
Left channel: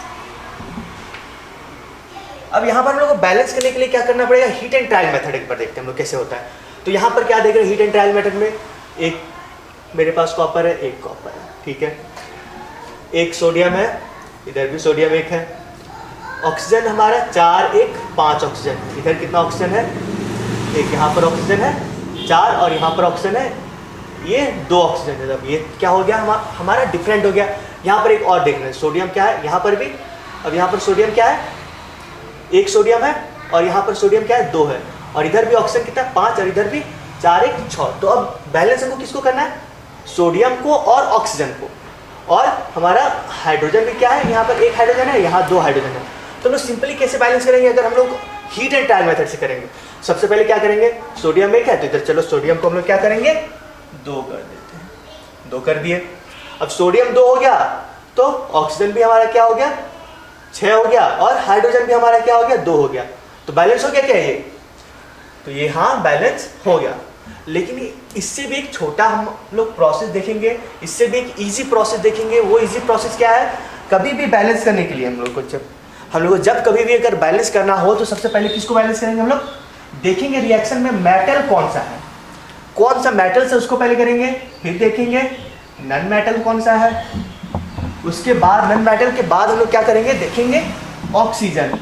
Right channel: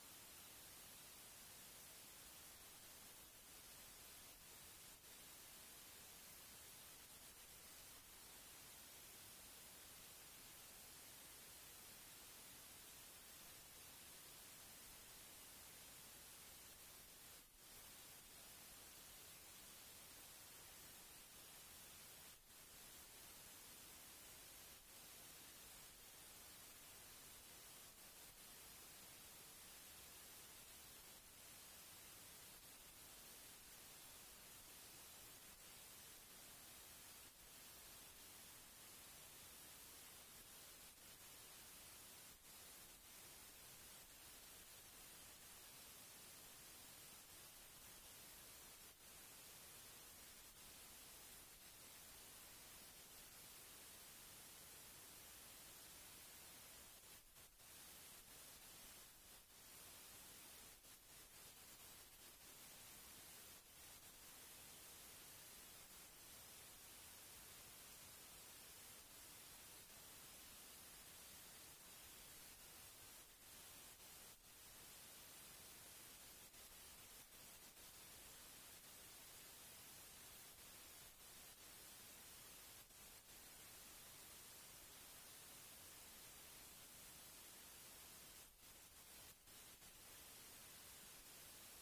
अब यहाँ पर हम लोग को बैलेंस करने के लिए क्या करना पड़ेगा, हीट एंड ट्रायल मेथड एक बार देखते हैं हम लोग कैसे होता है। तो यहाँ पर क्या देख रहे हैं, हीट एंड ट्रायल मेथड में एक मेरे पास कॉपर है, एक कॉपर है, ठीक है, एक सोडियम है, इधर भी सोडियम एक है, ऑक्सीजन हमारा 4 1 5 ऑक्सीजन, इधर कितना ऑक्सीजन है, एक यहाँ पर ऑक्सीजन है 4 और यहाँ पर ऑक्सीजन है, ये 2 ऑक्सीजन है। अब ये क्या हो गया, हमारा डिफरेंट हो गया। यहाँ पर एक और देख रहे हैं, सोडियम क्या है यहाँ पर भी, अब यहाँ पर सोडियम क्या है, एक सोडियम है, और यहाँ पर सोडियम क्या है 2 है, और इधर भी ऑक्सीजन कितना है 5 और इधर भी 4 1 6। तो अब बैलेंस हमको किसको करना है, सोडियम को और ऑक्सीजन को, और हमारा हाइड्रोजन भी क्या है, यहाँ पर एक हाइड्रोजन है, यहाँ 2 हाइड्रोजन है। तो हम लोग सिंपली कैसे बैलेंस करेंगे, अगर हम लोग हीट एंड ट्रायल मेथड से करेंगे, सबसे पहले क्या करेंगे, सोडियम एक है तो इधर चलो सोडियम को हम लोग क्या करेंगे 2 कर देते हैं, 2 कर दिए। अब सोडियम 2 हो गया तो ऑक्सीजन भी हमारा क्या हो गया 6 हो गया, और हाइड्रोजन भी हमारा क्या हो गया 2 हो गया। तो बैलेंस हो गया क्या ये, तो ये हाँ बैलेंस हो गया। लेकिन इससे भी एक छोटा हम लोग प्रोसेस देखेंगे, इससे भी एक इजी प्रोसेस देखेंगे। वो इजी प्रोसेस क्या है, कभी भी बैलेंस करने के लिए हम लोग को जब कभी भी अगर बैलेंस करना हो तो सबसे पहले किसको बैलेंस करेंगे, हम लोग देखेंगे रिएक्शन में मेटल कौन सा है, कौन सा मेटल से उसको पहले करेंगे, फिर देखेंगे नन मेटल कौन सा है, उसके बाद नन मेटल के बाद हम लोग क्या करेंगे, देखेंगे ऑक्सीजन,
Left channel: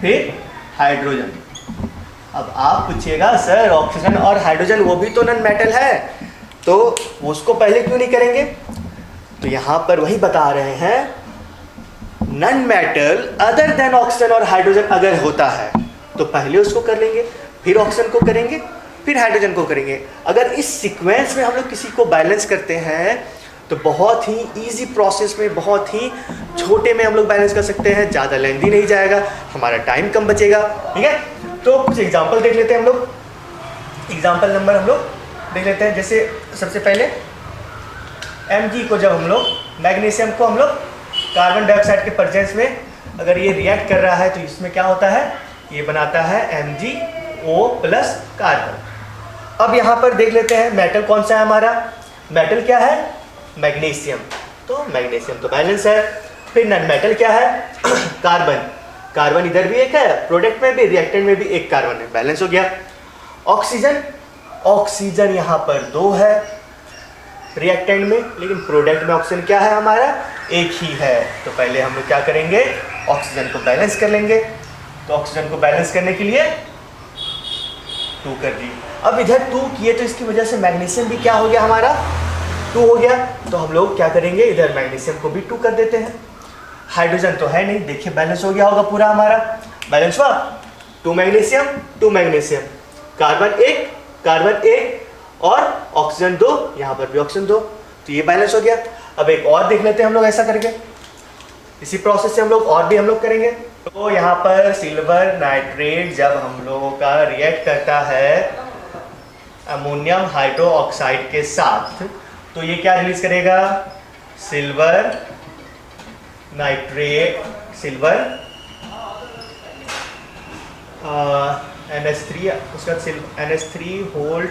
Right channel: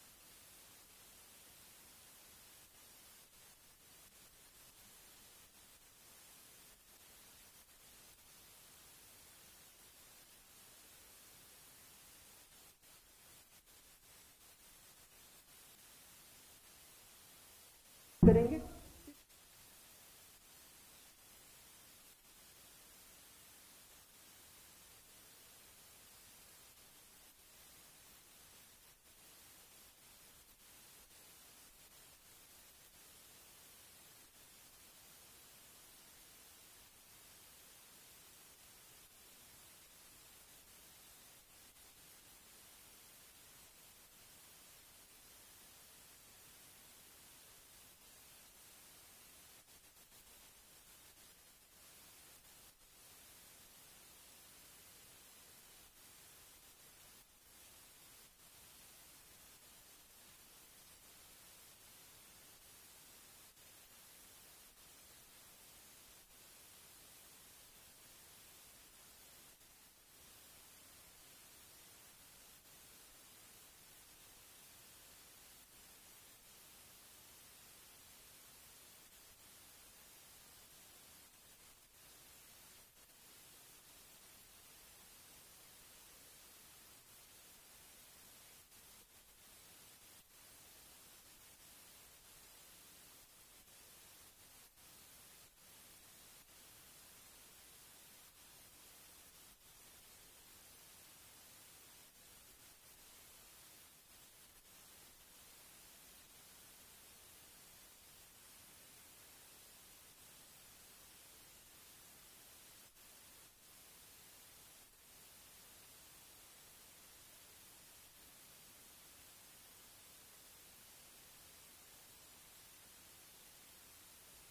फिर हाइड्रोजन। अब आप पूछिएगा सर ऑक्सीजन और हाइड्रोजन वो भी तो नन मेटल है, तो उसको पहले क्यों नहीं करेंगे। तो यहाँ पर वही बता रहे हैं, non metal other than oxygen और हाइड्रोजन अगर होता है तो पहले उसको कर लेंगे, फिर ऑक्सीजन को करेंगे, फिर हाइड्रोजन को करेंगे। अगर इस सीक्वेंस में हम लोग किसी को बैलेंस करते हैं तो बहुत ही इजी प्रोसेस में, बहुत ही छोटे में हम लोग बैलेंस कर सकते हैं, ज़्यादा लेंथी नहीं जाएगा, हमारा टाइम कम बचेगा। ठीक है, तो कुछ एग्जांपल देख लेते हैं हम लोग। एग्जांपल नंबर हम लोग देख लेते हैं। जैसे सबसे पहले Mg को जब हम लोग मैग्नीशियम को हम लोग कार्बन डाइऑक्साइड के प्रेजेंस में अगर ये रिएक्ट कर रहा है तो इसमें क्या होता है, ये बनाता है MgO प्लस कार्बन। अब यहाँ पर देख लेते हैं मेटल कौन सा है हमारा, मेटल क्या है मैग्नीशियम, तो मैग्नीशियम तो बैलेंस है। फिर नन मेटल क्या है कार्बन, कार्बन इधर भी एक है, प्रोडक्ट में भी रिएक्टेंट में भी एक कार्बन है, बैलेंस हो गया। ऑक्सीजन, ऑक्सीजन यहाँ पर 2 है रिएक्टेंट में, लेकिन प्रोडक्ट में ऑक्सीजन क्या है हमारा एक ही है। तो पहले हम लोग क्या करेंगे, ऑक्सीजन को बैलेंस कर लेंगे। तो ऑक्सीजन को बैलेंस करने के लिए 2 कर दिए। अब इधर 2 किए तो इसकी वजह से मैग्नीशियम भी क्या हो गया हमारा 2 हो गया। तो हम लोग क्या करेंगे, इधर मैग्नीशियम को भी 2 कर देते हैं। हाइड्रोजन तो है नहीं, देखिए बैलेंस हो गया होगा पूरा हमारा, बैलेंस हुआ 2 मैग्नीशियम 2 मैग्नीशियम, कार्बन 1 कार्बन 1 और ऑक्सीजन 2, यहाँ पर भी ऑक्सीजन 2, तो ये बैलेंस हो गया। अब एक और देख लेते हैं हम लोग ऐसा करके, इसी प्रोसेस से हम लोग और भी हम लोग करेंगे। तो यहाँ पर सिल्वर नाइट्रेट जब हम लोगों का रिएक्ट करता है अमोनियम हाइड्रोक्साइड के साथ, तो ये क्या रिलीज करेगा, सिल्वर नाइट्रेट, सिल्वर NH3, उसका NH3 होल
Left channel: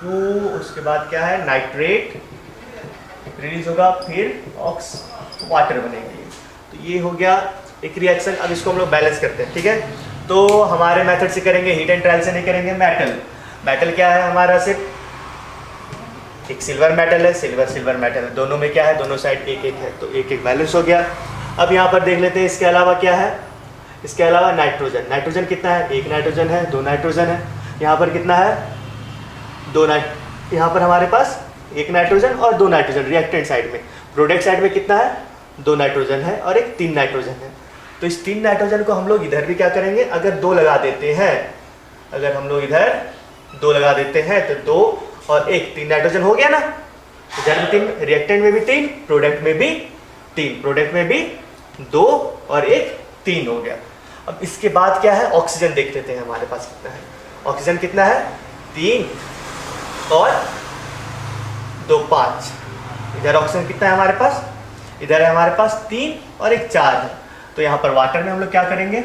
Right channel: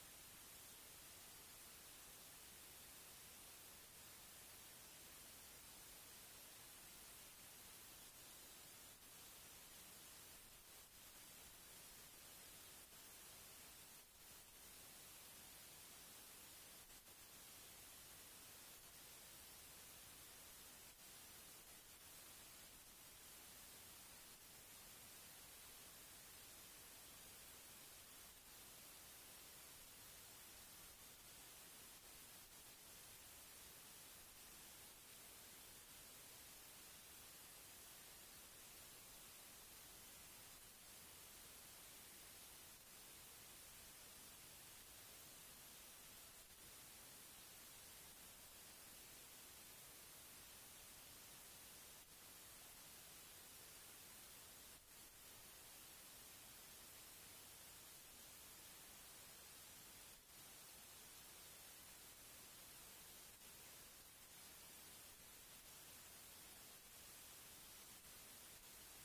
2, उसके बाद क्या है नाइट्रेट रिलीज होगा, फिर ऑक्स वाटर बनेगी। तो ये हो गया एक रिएक्शन। अब इसको हम लोग बैलेंस करते हैं। ठीक है, तो हमारे मेथड से करेंगे, हीट एंड ट्रायल से नहीं करेंगे। मेटल, मेटल क्या है हमारा, सिर्फ एक सिल्वर मेटल है, सिल्वर मेटल है, दोनों में क्या है, दोनों साइड एक एक है, तो एक एक बैलेंस हो गया। अब यहाँ पर देख लेते हैं इसके अलावा क्या है, इसके अलावा नाइट्रोजन। नाइट्रोजन कितना है, एक नाइट्रोजन है, दो नाइट्रोजन है। यहाँ पर कितना है, यहाँ पर हमारे पास एक नाइट्रोजन और दो नाइट्रोजन रिएक्टेंट साइड में। प्रोडक्ट साइड में कितना है, दो नाइट्रोजन है और एक तीन नाइट्रोजन है। तो इस तीन नाइट्रोजन को हम लोग इधर भी क्या करेंगे, अगर दो लगा देते हैं, अगर हम लोग इधर दो लगा देते हैं तो दो और एक, तीन नाइट्रोजन हो गया ना। इधर भी तीन, रिएक्टेंट में भी तीन, प्रोडक्ट में भी तीन, प्रोडक्ट में भी दो और एक, तीन हो गया। अब इसके बाद क्या है, ऑक्सीजन देख लेते हैं हमारे पास कितना है। ऑक्सीजन कितना है, तीन और दो, पाँच। इधर ऑक्सीजन कितना है हमारे पास, इधर है हमारे पास तीन और एक, चार है। तो यहाँ पर वाटर में हम लोग क्या करेंगे,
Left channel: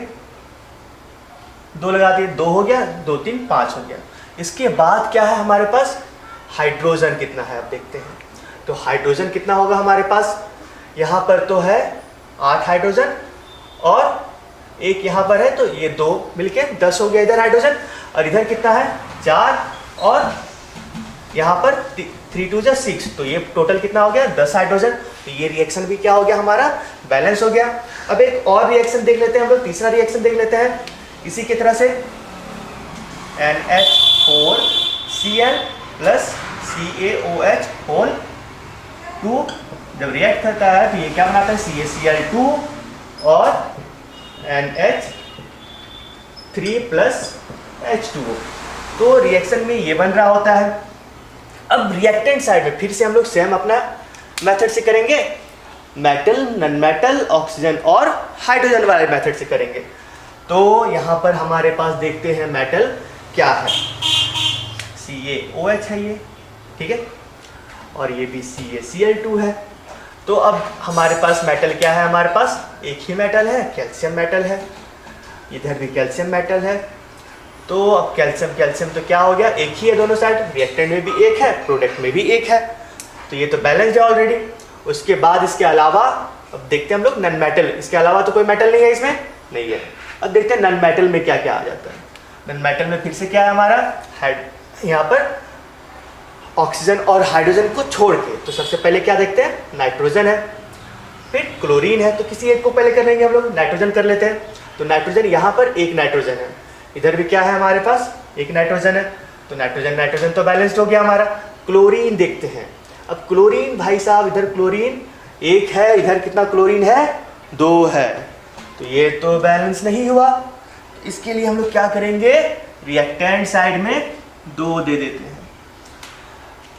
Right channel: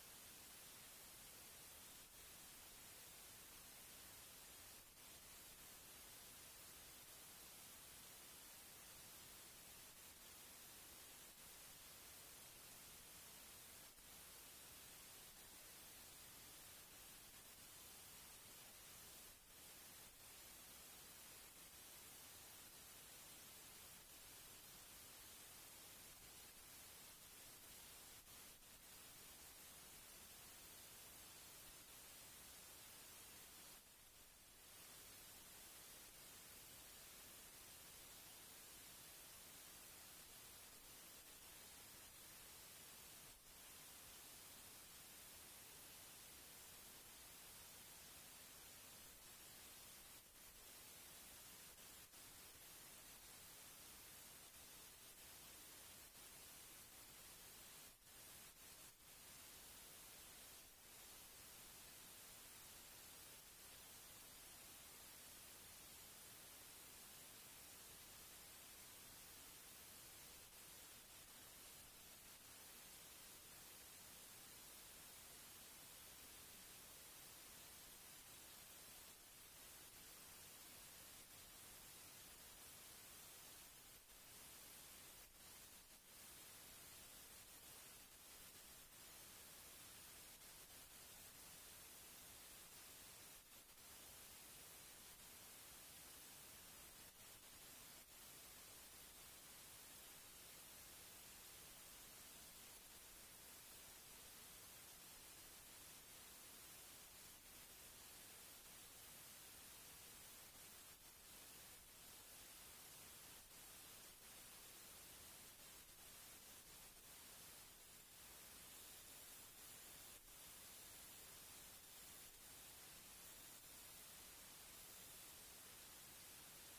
दो लगा दिए, दो हो गया, दो तीन पाँच हो गया। इसके बाद क्या है हमारे पास, हाइड्रोजन कितना है अब देखते हैं। तो हाइड्रोजन कितना होगा हमारे पास, यहाँ पर तो है 8 हाइड्रोजन और एक यहाँ पर है, तो ये दो मिलके 10 हो गया इधर हाइड्रोजन। और इधर कितना है, 4 और यहाँ पर 3 2 जा 6, तो ये टोटल कितना हो गया, 10 हाइड्रोजन। तो ये रिएक्शन भी क्या हो गया हमारा, बैलेंस हो गया। अब एक और रिएक्शन देख लेते हैं हम लोग, तीसरा रिएक्शन देख लेते हैं इसी की तरह से। NH4Cl प्लस CaOH होल 2 जब रिएक्ट करता है तो ये क्या बनाता है, CaCl2 और NH3 प्लस H2O। तो रिएक्शन में ये बन रहा होता है। अब रिएक्टेंट साइड में फिर से हम लोग सेम अपना मेथड से करेंगे, मेटल, नॉन मेटल, ऑक्सीजन और हाइड्रोजन वाले मेथड से करेंगे। तो यहाँ पर हमारे पास देखते हैं मेटल क्या है, CaOH है ये, ठीक है, और ये भी CaCl2 है। तो अब हमारे पास मेटल क्या है, हमारे पास एक ही मेटल है, कैल्शियम मेटल है, इधर भी कैल्शियम मेटल है। तो अब कैल्शियम तो क्या हो गया, एक ही है दोनों साइड, रिएक्टेंट में भी एक है, प्रोडक्ट में भी एक है, तो ये तो बैलेंस्ड है ऑलरेडी। उसके बाद इसके अलावा अब देखते हैं हम लोग नॉन मेटल, इसके अलावा तो कोई मेटल नहीं है इसमें, नहीं है। अब देखते हैं नॉन मेटल में क्या क्या आ जाता है। नॉन मेटल में फिर से क्या है हमारा, यहाँ पर ऑक्सीजन और हाइड्रोजन को छोड़ के, तो सबसे पहले क्या देखते हैं, नाइट्रोजन है, फिर क्लोरीन है। तो किसी एक को पहले कर लेंगे हम लोग, नाइट्रोजन कर लेते हैं। तो नाइट्रोजन यहाँ पर एक नाइट्रोजन है, इधर भी क्या है हमारे पास, एक नाइट्रोजन है, तो नाइट्रोजन तो बैलेंस्ड हो गया हमारा। क्लोरीन देखते हैं। अब क्लोरीन भाई साहब, इधर क्लोरीन एक है, इधर कितना क्लोरीन है, दो है, तो ये तो बैलेंस नहीं हुआ। इसके लिए हम लोग क्या करेंगे, रिएक्टेंट साइड में दो दे देते हैं।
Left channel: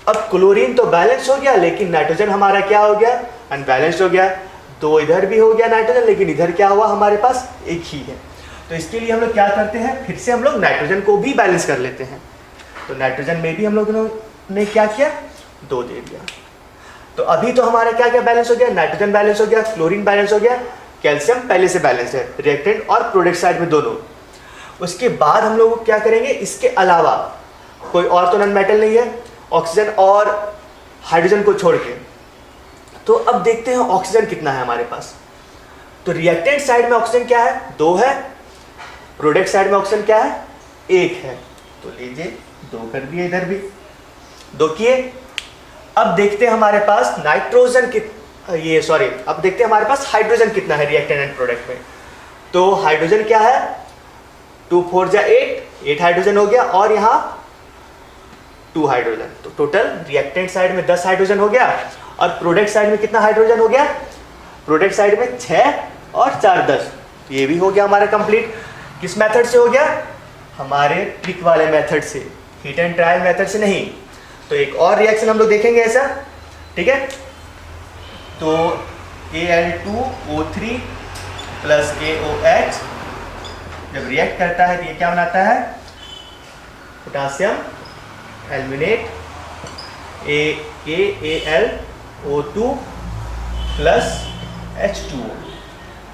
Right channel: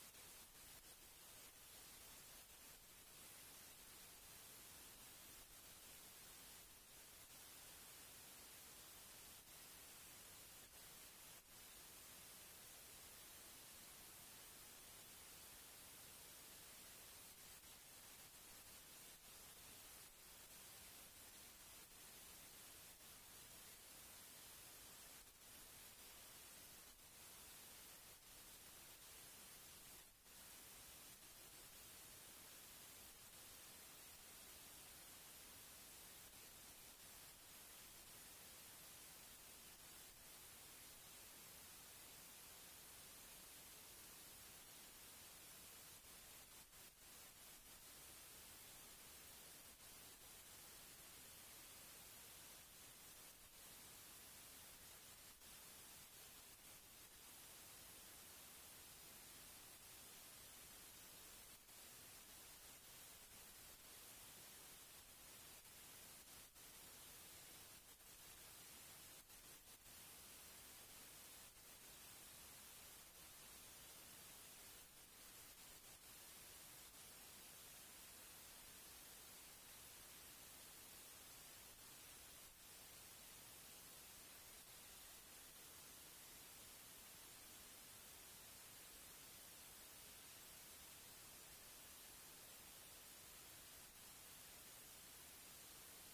अब क्लोरीन तो बैलेंस हो गया, लेकिन नाइट्रोजन हमारा क्या हो गया, अनबैलेंस्ड हो गया। दो इधर भी हो गया नाइट्रोजन, लेकिन इधर क्या हुआ, हमारे पास एक ही है। तो इसके लिए हम लोग क्या करते हैं, फिर से हम लोग नाइट्रोजन को भी बैलेंस कर लेते हैं। तो नाइट्रोजन में भी हम लोगों ने क्या किया, दो दे दिया। तो अभी तो हमारा क्या क्या बैलेंस हो गया, नाइट्रोजन बैलेंस हो गया, क्लोरीन बैलेंस हो गया, कैल्शियम पहले से बैलेंस है, रिएक्टेंट और प्रोडक्ट साइड में दोनों। उसके बाद हम लोग क्या करेंगे, इसके अलावा कोई और तो नॉन मेटल नहीं है, ऑक्सीजन और हाइड्रोजन को छोड़ के। तो अब देखते हैं ऑक्सीजन कितना है हमारे पास। तो रिएक्टेंट साइड में ऑक्सीजन क्या है, दो है, प्रोडक्ट साइड में ऑक्सीजन क्या है, एक है। तो लीजिए दो कर दिए, इधर भी दो किए। अब देखते हैं हमारे पास नाइट्रोजन अब देखते हैं हमारे पास हाइड्रोजन कितना है रिएक्टेंट एंड प्रोडक्ट में। तो हाइड्रोजन क्या है, 2 4 जा 8 हाइड्रोजन हो गया, और यहाँ 2 हाइड्रोजन। तो टोटल रिएक्टेंट साइड में 10 हाइड्रोजन हो गया, और प्रोडक्ट साइड में कितना हाइड्रोजन हो गया, प्रोडक्ट साइड में 6 और 4 10। तो ये भी हो गया हमारा कंप्लीट। किस मेथड से हो गया, हमारे ट्रिक वाले मेथड से, हीट एंड ट्रायल मेथड से नहीं। तो एक और रिएक्शन हम लोग देखेंगे ऐसा, ठीक है। तो Al2O3 प्लस KOH जब रिएक्ट करता है तो ये क्या बनाता है, potassium aluminate KAlO2 plus H2O।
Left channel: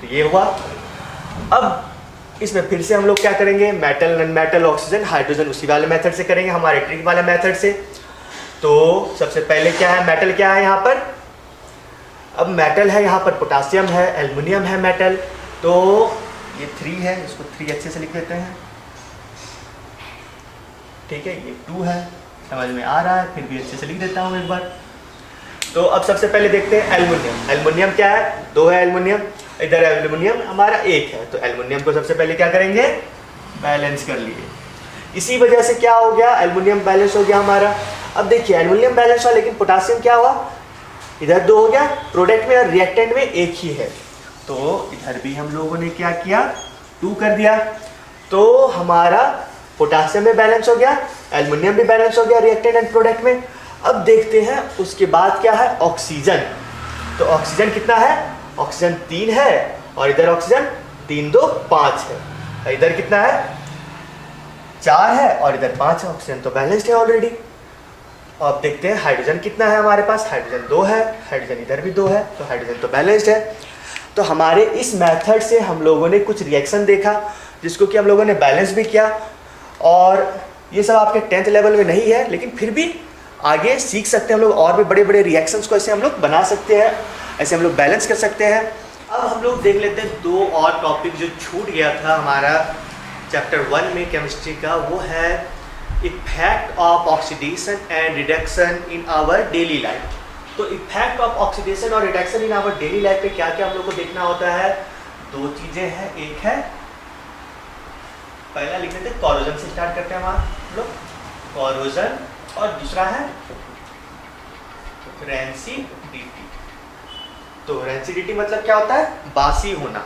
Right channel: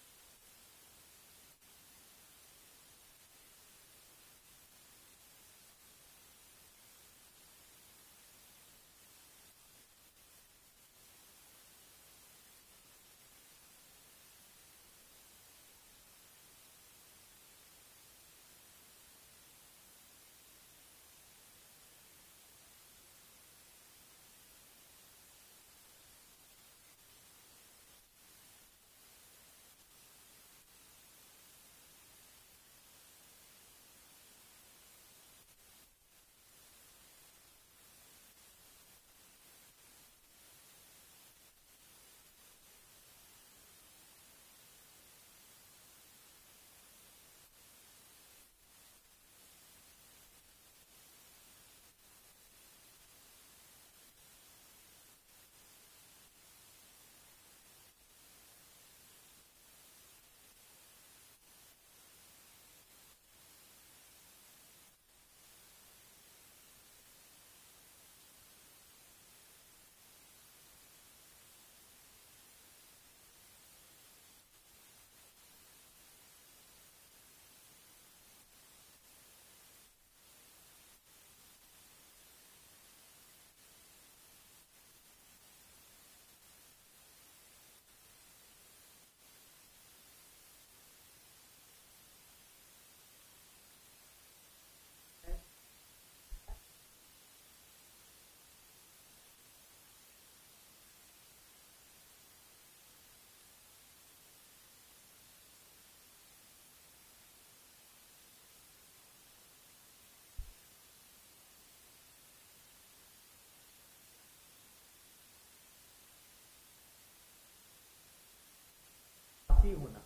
तो ये हुआ। अब इसमें फिर से हम लोग क्या करेंगे, metal, non metal, oxygen, hydrogen उसी वाले मेथड से करेंगे, हमारे ट्रिक वाले मेथड से। तो सबसे पहले क्या है, मेटल क्या है यहाँ पर, अब मेटल है यहाँ पर, पोटासियम है, एल्युमिनियम है मेटल। तो ये 3 है, इसको 3 अच्छे से लिख देते हैं, ठीक है। ये 2 है, समझ में आ रहा है, फिर भी अच्छे से लिख देता हूँ एक बार। तो अब सबसे पहले देखते हैं एल्युमिनियम। एल्युमिनियम क्या है, 2 है एल्युमिनियम, इधर एल्युमिनियम हमारा 1 है। तो एल्युमिनियम को सबसे पहले क्या करेंगे, बैलेंस कर लिए। इसी वजह से क्या हो गया, एल्युमिनियम बैलेंस हो गया हमारा। अब देखिए एल्युमिनियम बैलेंस हुआ, लेकिन पोटासियम क्या हुआ, इधर 2 हो गया, प्रोडक्ट में और रिएक्टेंट में 1 ही है। तो इधर भी हम लोगों ने क्या किया, 2 कर दिया। तो हमारा पोटासियम में बैलेंस हो गया, एल्युमिनियम भी बैलेंस हो गया रिएक्टेंट एंड प्रोडक्ट में। अब देखते हैं उसके बाद क्या है, ऑक्सीजन। तो ऑक्सीजन कितना है, ऑक्सीजन 3 है, और इधर ऑक्सीजन 3 2 5 है। इधर कितना है, 4 है, और इधर 5 है। ऑक्सीजन तो बैलेंस्ड है ऑलरेडी। अब देखते हैं हाइड्रोजन कितना है हमारे पास, हाइड्रोजन 2 है, हाइड्रोजन इधर भी 2 है, तो हाइड्रोजन तो बैलेंस्ड है। तो हमारे इस मेथड से हम लोगों ने कुछ रिएक्शन देखा, जिसको कि हम लोगों ने बैलेंस भी किया। और ये सब आपके 10th लेवल में नहीं है, लेकिन फिर भी आगे सीख सकते हैं हम लोग, और भी बड़े बड़े रिएक्शंस को ऐसे हम लोग बना सकते हैं, ऐसे हम लोग बैलेंस कर सकते हैं। अब हम लोग देख लेते हैं 2 और टॉपिक जो छूट गया था हमारा चैप्टर 1 में केमिस्ट्री का, वो है effect of oxidation and reduction in our daily life. तो इफेक्ट ऑफ ऑक्सीडेशन और reduction in our daily life पे क्या क्या हम लोग को देखना होता है, 2 चीजें हैं। एक है, पहला लिख लेते हैं, कोरोजन से स्टार्ट करते हैं हम लोग, कोरोजन, और दूसरा है रेंसिडिटी। तो रेंसिडिटी मतलब क्या होता है, बासी होना,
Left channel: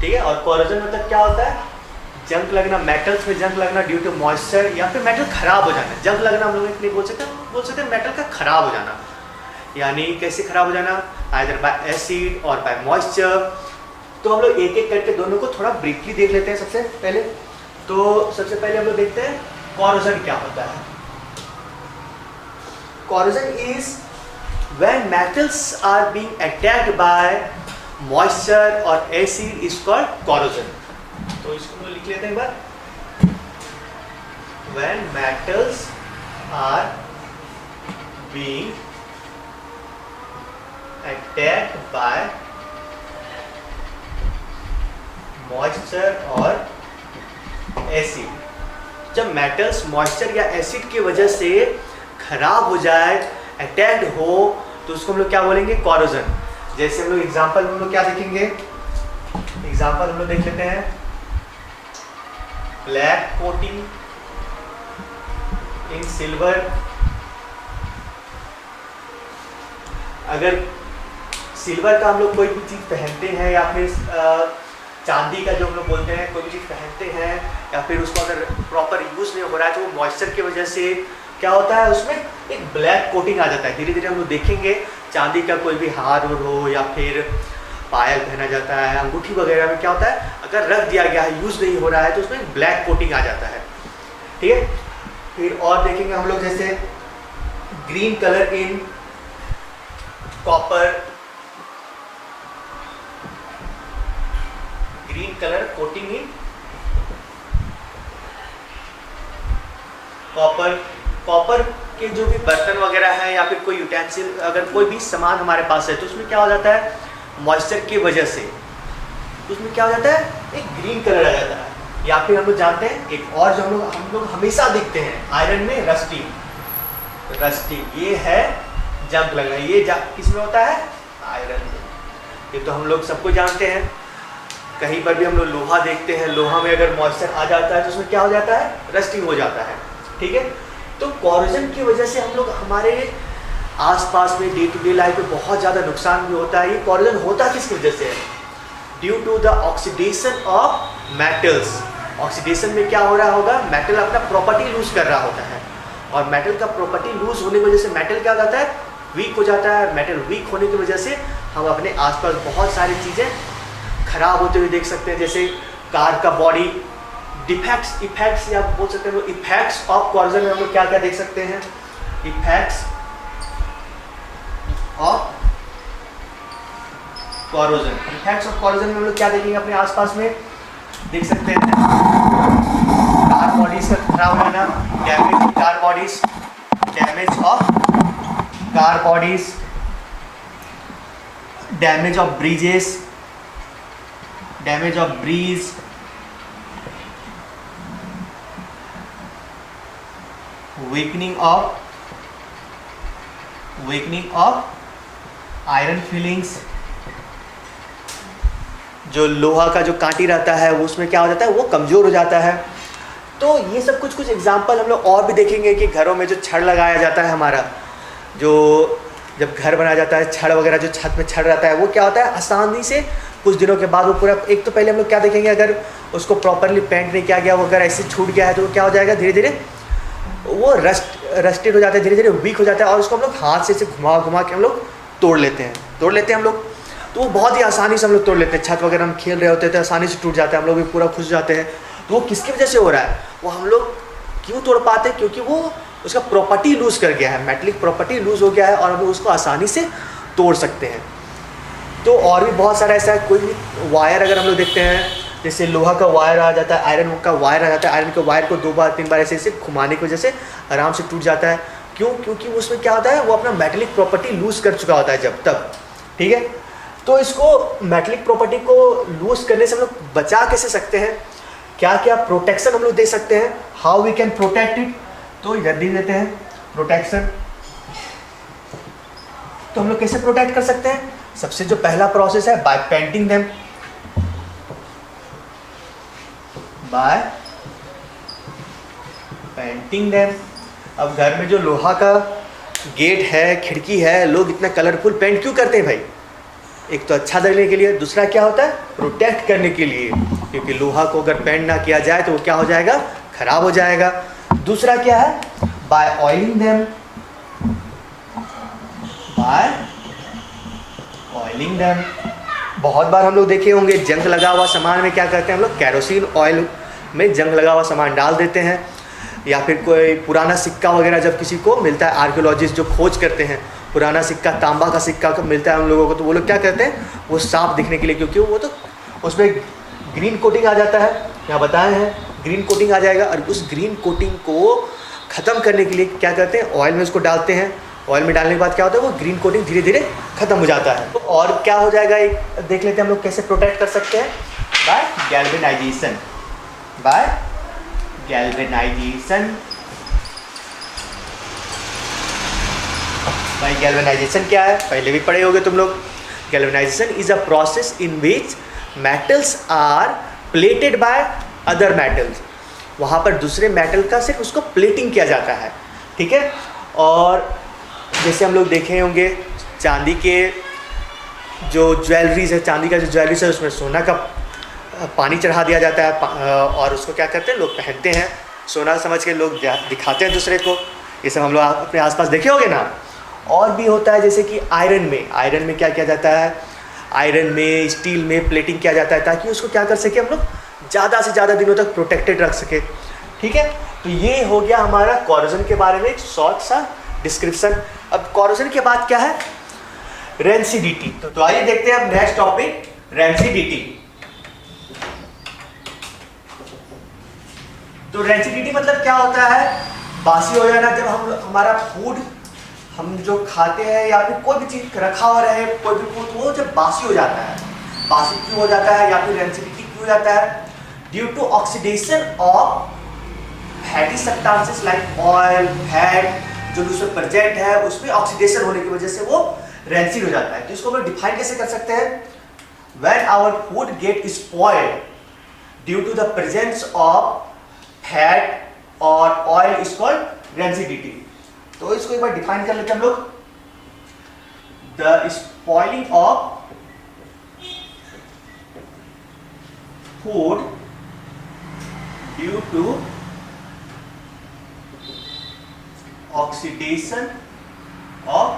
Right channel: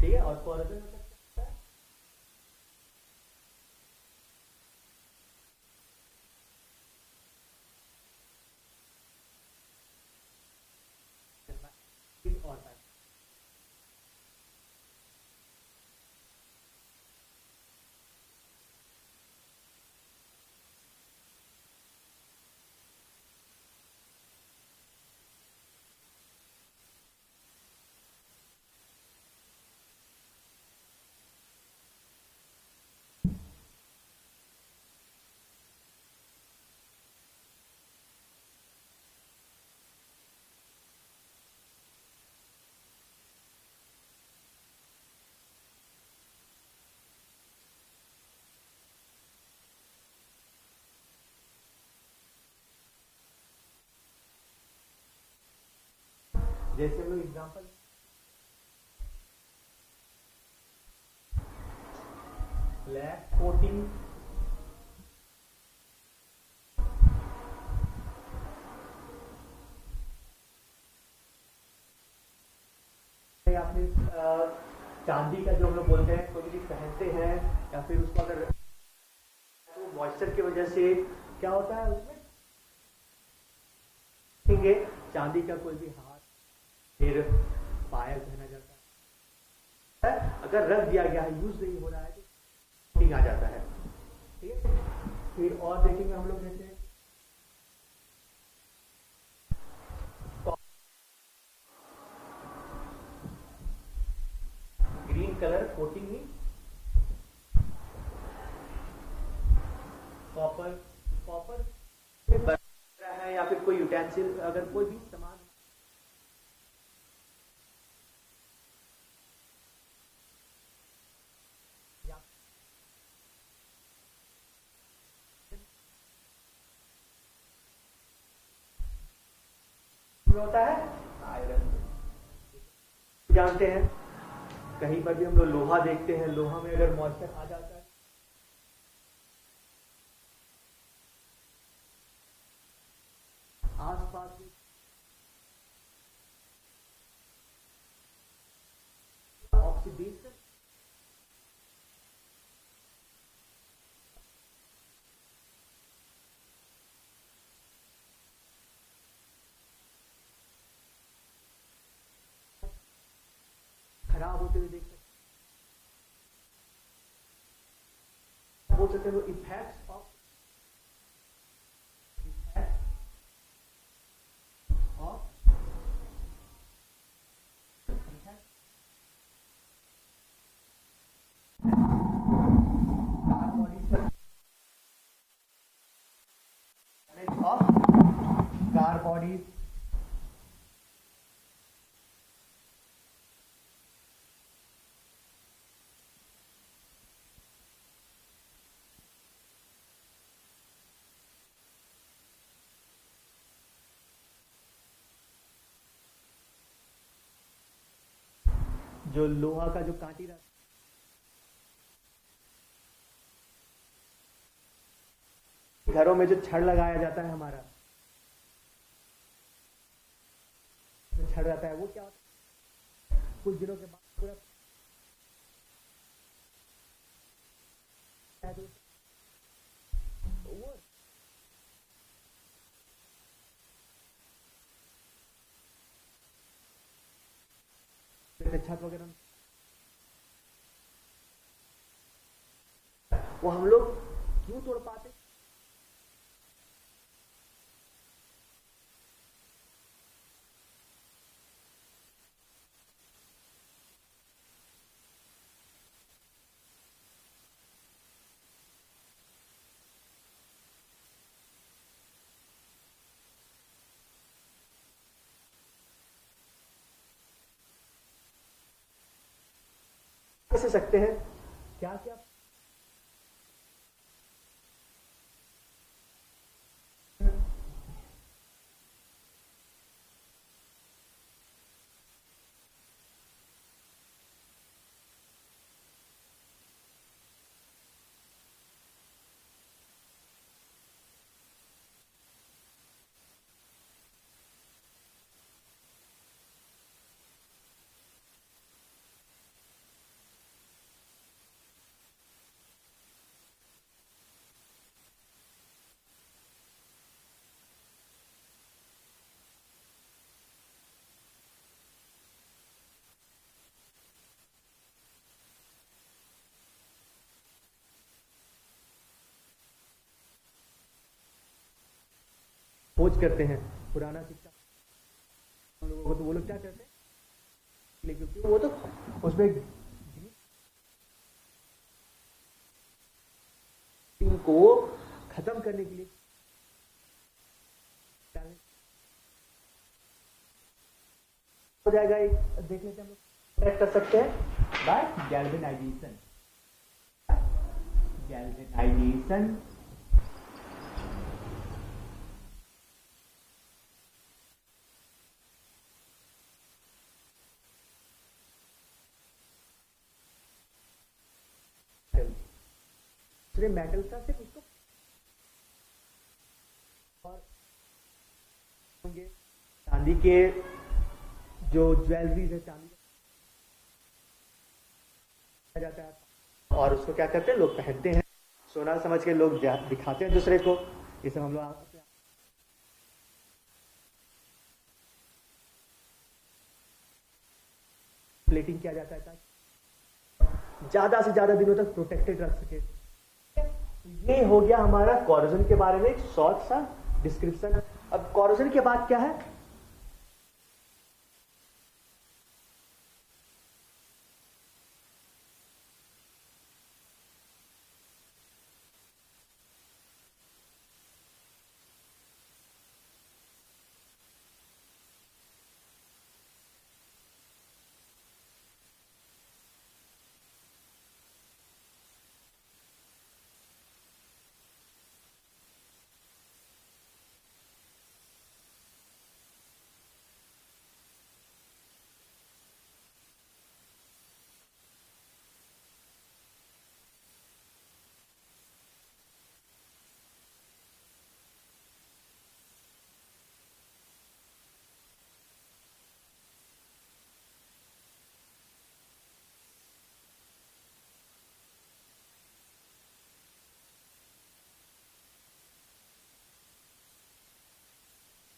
ठीक है। और कोरोजन मतलब क्या होता है, जंग लगना, मेटल्स में जंग लगना ड्यू टू मॉइस्चर, या फिर मेटल खराब हो जाना। जंग लगना हम लोग नहीं बोल सकते मेटल का खराब हो जाना। यानी कैसे खराब हो जाना, आइदर बाय एसिड और बाय मॉइस्चर। तो हम लोग एक एक करके दोनों को थोड़ा ब्रीफली देख लेते हैं सबसे पहले। तो सबसे पहले हम लोग देखते हैं कोरोजन क्या होता है। Corrosion is when metals are being attacked by moisture और एसिड इज कॉल्ड कोरोजन। तो इसको हम लोग लिख लेते हैं एक बार, when metals are being attacked by moisture और एसिड। जब मेटल्स मॉइस्चर या एसिड की वजह से खराब हो जाए, अटैक्ड हो, तो उसको हम लोग क्या बोलेंगे, कोरोजन। जैसे हम लोग एग्जांपल हम लोग क्या देखेंगे, एग्जांपल हम लोग देख लेते हैं, ब्लैक कोटिंग इन सिल्वर। अगर सिल्वर का हम लोग कोई भी चीज़ पहनते हैं, या फिर चांदी का जो हम लोग बोलते हैं कोई भी चीज़ पहनते हैं, या फिर उसको अगर प्रॉपर यूज़ नहीं हो रहा है, तो वो मॉइस्चर की वजह से क्या होता है, उसमें एक ब्लैक कोटिंग आ जाता है। धीरे धीरे हम लोग देखेंगे, चांदी का कोई भी हार हो, या फिर पायल पहना जाता है, अंगूठी वगैरह में क्या होता है, अगर रख दिया गया है, यूज़ नहीं होरहा है, तो उसमें ब्लैक कोटिंग आ जाता है, ठीक है। फिर और देखेंगे हम लोग, जैसे green colour in copper, green colour coating in copper. Copper के जो भी बर्तन वगैरह है, या फिर कोई यूटेंसिल, अगर कोई भी सामान हमारे पास है, तो उसमें क्या हो जाता है, मॉइस्चर की वजह से उसमें क्या हो जाता है, एक ग्रीन कलर आ जाता है। या फिर हम लोग जानते हैं एक और जो हम लोग हमेशा देखते हैं आयरन में, रस्टिंग। रस्टिंग ये है जंग लगना, ये किस में होता है, आयरन में। ये तो हम लोग सबको जानते हैं। कहीं पर भी हम लोग लोहा देखते हैं, लोहा में अगर मॉइस्चर आ जाता है तो उसमें क्या हो जाता है, रस्टिंग हो जाता है, ठीक है। तो कोरोजन की वजह से हम लोग हमारे आसपास में डे टू डे लाइफ में बहुत ज़्यादा नुकसान भी होता है। ये कोरोजन होता किसकी वजह से है, due to the oxidation of metals. Oxidation में क्या हो रहा होगा, मेटल अपना प्रॉपर्टी लूज कर रहा होता है, और मेटल का प्रॉपर्टी लूज होने की वजह से मेटल क्या हो जाता है, वीक हो जाता है। मेटल वीक होने की वजह से हम अपने आसपास बहुत सारी चीज़ें खराब होते हुए देख सकते हैं। जैसे कार का बॉडी डिफेक्ट्स, इफेक्ट्स या बोल सकते हैं इफेक्ट्स ऑफ कोरोजन में हम लोग क्या क्या देख सकते हैं, effects of corrosion. Effects of corrosion में हम लोग क्या देखेंगे, अपने आसपास में देख सकते हैं, कार बॉडीज का खराब होना, damage car bodies, damage of car bodies, damage of bridges, damage of bridge, weakening of iron filings. जो लोहा का जो कांटी रहता है वो उसमें क्या हो जाता है, वो कमज़ोर हो जाता है। तो ये सब कुछ एग्जाम्पल हम लोग और भी देखेंगे कि घरों में जो छड़ लगाया जाता है हमारा, जो जब घर बनाया जाता है छड़ वगैरह, जो छत में छड़ रहता है वो क्या होता है, आसानी से कुछ दिनों के बाद वो पूरा, एक तो पहले हम लोग क्या देखेंगे, अगर उसको प्रॉपरली पेंट नहीं किया गया, वो अगर ऐसे छूट गया है तो वो क्या हो जाएगा, धीरे धीरे वो रस्टेड हो जाता है, धीरे धीरे वीक हो जाता है, और उसको हम लोग हाथ से घुमा घुमा के हम लोग तोड़ लेते हैं हम लोग। तो वो बहुत ही आसानी से हम लोग तोड़ लेते हैं। छत वगैरह हम खेल रहे होते हैं तो आसानी से टूट जाता है, हम लोग भी पूरा खुश जाते हैं। तो वो किसकी वजह से हो रहा है, वो हम लोग क्यों तोड़ पाते हैं, क्योंकि वो उसका प्रॉपर्टी लूज़ कर गया है, मेटलिक प्रॉपर्टी लूज़ हो गया है और हम लोग उसको आसानी से तोड़ सकते हैं। तो और भी बहुत सारा ऐसा है, कोई भी वायर अगर हम लोग देखते हैं, जैसे लोहा का वायर आ जाता है, आयरन का वायर आ जाता है, आयरन के वायर को 2 बार 3 बार ऐसे घुमाने की वजह से आराम से टूट जाता है। क्यों, क्योंकि उसमें क्या होता है, वो अपना मेटलिक प्रॉपर्टी लूज़ कर चुका होता है जब तब, ठीक है। तो इसको मेटलिक प्रॉपर्टी को लूज़ करने से हम लोग बचा कैसे सकते हैं, क्या क्या प्रोटेक्शन हम लोग दे सकते हैं, how we can protect it. तो इधर दे देते हैं प्रोटेक्शन। तो हम लोग कैसे प्रोटेक्ट कर सकते हैं, सबसे जो पहला प्रोसेस है, by painting them, by painting them. अब घर में जो लोहा का गेट है, खिड़की है, लोग इतना कलरफुल पेंट क्यों करते हैं भाई, एक तो अच्छा दिखने के लिए, दूसरा क्या होता है, प्रोटेक्ट करने के लिए, क्योंकि लोहा को अगर पेंट ना किया जाए तो वो क्या हो जाएगा, खराब हो जाएगा। दूसरा क्या है, by oiling them, by oiling them. बहुत बार हम लोग देखे होंगे जंग लगा हुआ सामान में क्या करते हैं हम लोग, कैरोसिन ऑयल में जंग लगा हुआ सामान डाल देते हैं, या फिर कोई पुराना सिक्का वगैरह जब किसी को मिलता है, आर्कियोलॉजिस्ट जो खोज करते हैं, पुराना सिक्का, तांबा का सिक्का मिलता है हम लोगों को, तो वो लोग क्या करते हैं, वो साफ दिखने के लिए, क्योंकि वो तो उसमें ग्रीन कोटिंग आ जाता है, यहाँ बताए हैं ग्रीन कोटिंग आ जाएगा, और उस ग्रीन कोटिंग को ख़त्म करने के लिए क्या करते हैं, ऑयल में उसको डालते हैं। ऑयल में डालने के बाद क्या होता है, वो ग्रीन कोटिंग धीरे धीरे ख़त्म हो जाता है। तो और क्या हो जाएगा, एक देख लेते हैं हम लोग कैसे प्रोटेक्ट कर सकते हैं, बाय गैल्वेनाइजेशन, बाय गैल्वेनाइजेशन। भाई गैल्वेनाइजेशन क्या है, पहले भी पढ़े होगे तुम लोग। Galvanisation is a process in which metals are plated by other metals. वहाँ पर दूसरे मेटल का सिर्फ उसको प्लेटिंग किया जाता है, ठीक है। और जैसे हम लोग देखे होंगे चांदी के जो ज्वेलरीज है, चांदी का जो ज्वेलरीज है उसमें सोना का पानी चढ़ा दिया जाता है, और उसको क्या करते हैं लोग पहनते हैं, सोना समझ के लोग दिखाते हैं दूसरे को। ये सब हम लोग अपने आसपास देखे होंगे ना। और भी होता है जैसे कि आयरन में क्या किया जाता है, आयरन में, स्टील में प्लेटिंग किया जाता है, ताकि उसको क्या कर सके हम लोग ज़्यादा से ज़्यादा दिनों तक प्रोटेक्टेड रख सके, ठीक है। तो ये हो गया हमारा कॉरोजन के बारे में एक शॉर्ट सा डिस्क्रिप्शन। अब कॉरोजन के बाद क्या है, रेंसिडिटी। तो आइए देखते हैं अब नेक्स्ट टॉपिक, रेंसिडिटी। तो रेंसिडिटी मतलब क्या होता है, बासी हो जाना। जब हमारा फूड हम जो खाते हैं या फिर कोई भी चीज़ रखा हुआ रहे, कोई भी फूड, वो जब बासी हो जाता है, बासी क्यों हो जाता है या फिर रेंसिडिटी क्यों हो जाता है, due to oxidation of fatty substances like oil, fat, जो उसमें प्रेजेंट है उसमें ऑक्सीडेशन होने की वजह से वो रेंसिड हो जाता है। तो इसको हम डिफाइन कैसे कर सकते हैं, when our food get spoiled due to the presence of fat और ऑयल इज कॉल्ड रेंसिडिटी। तो इसको एक बार डिफाइन कर लेते हैं हम लोग, the spoiling of food due to oxidation of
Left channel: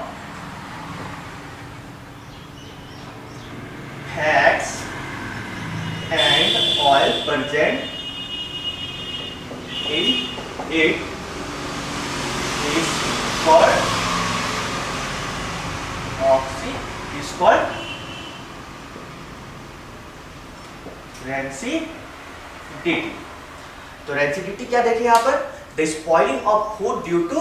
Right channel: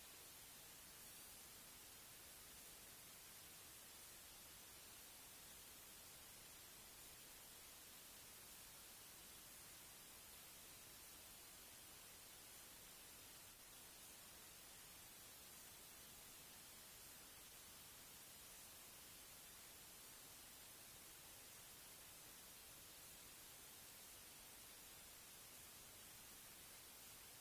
fats and oil present in it is called rancidity. तो रेंसिडिटी क्या देखें यहाँ पर, the spoiling of food due to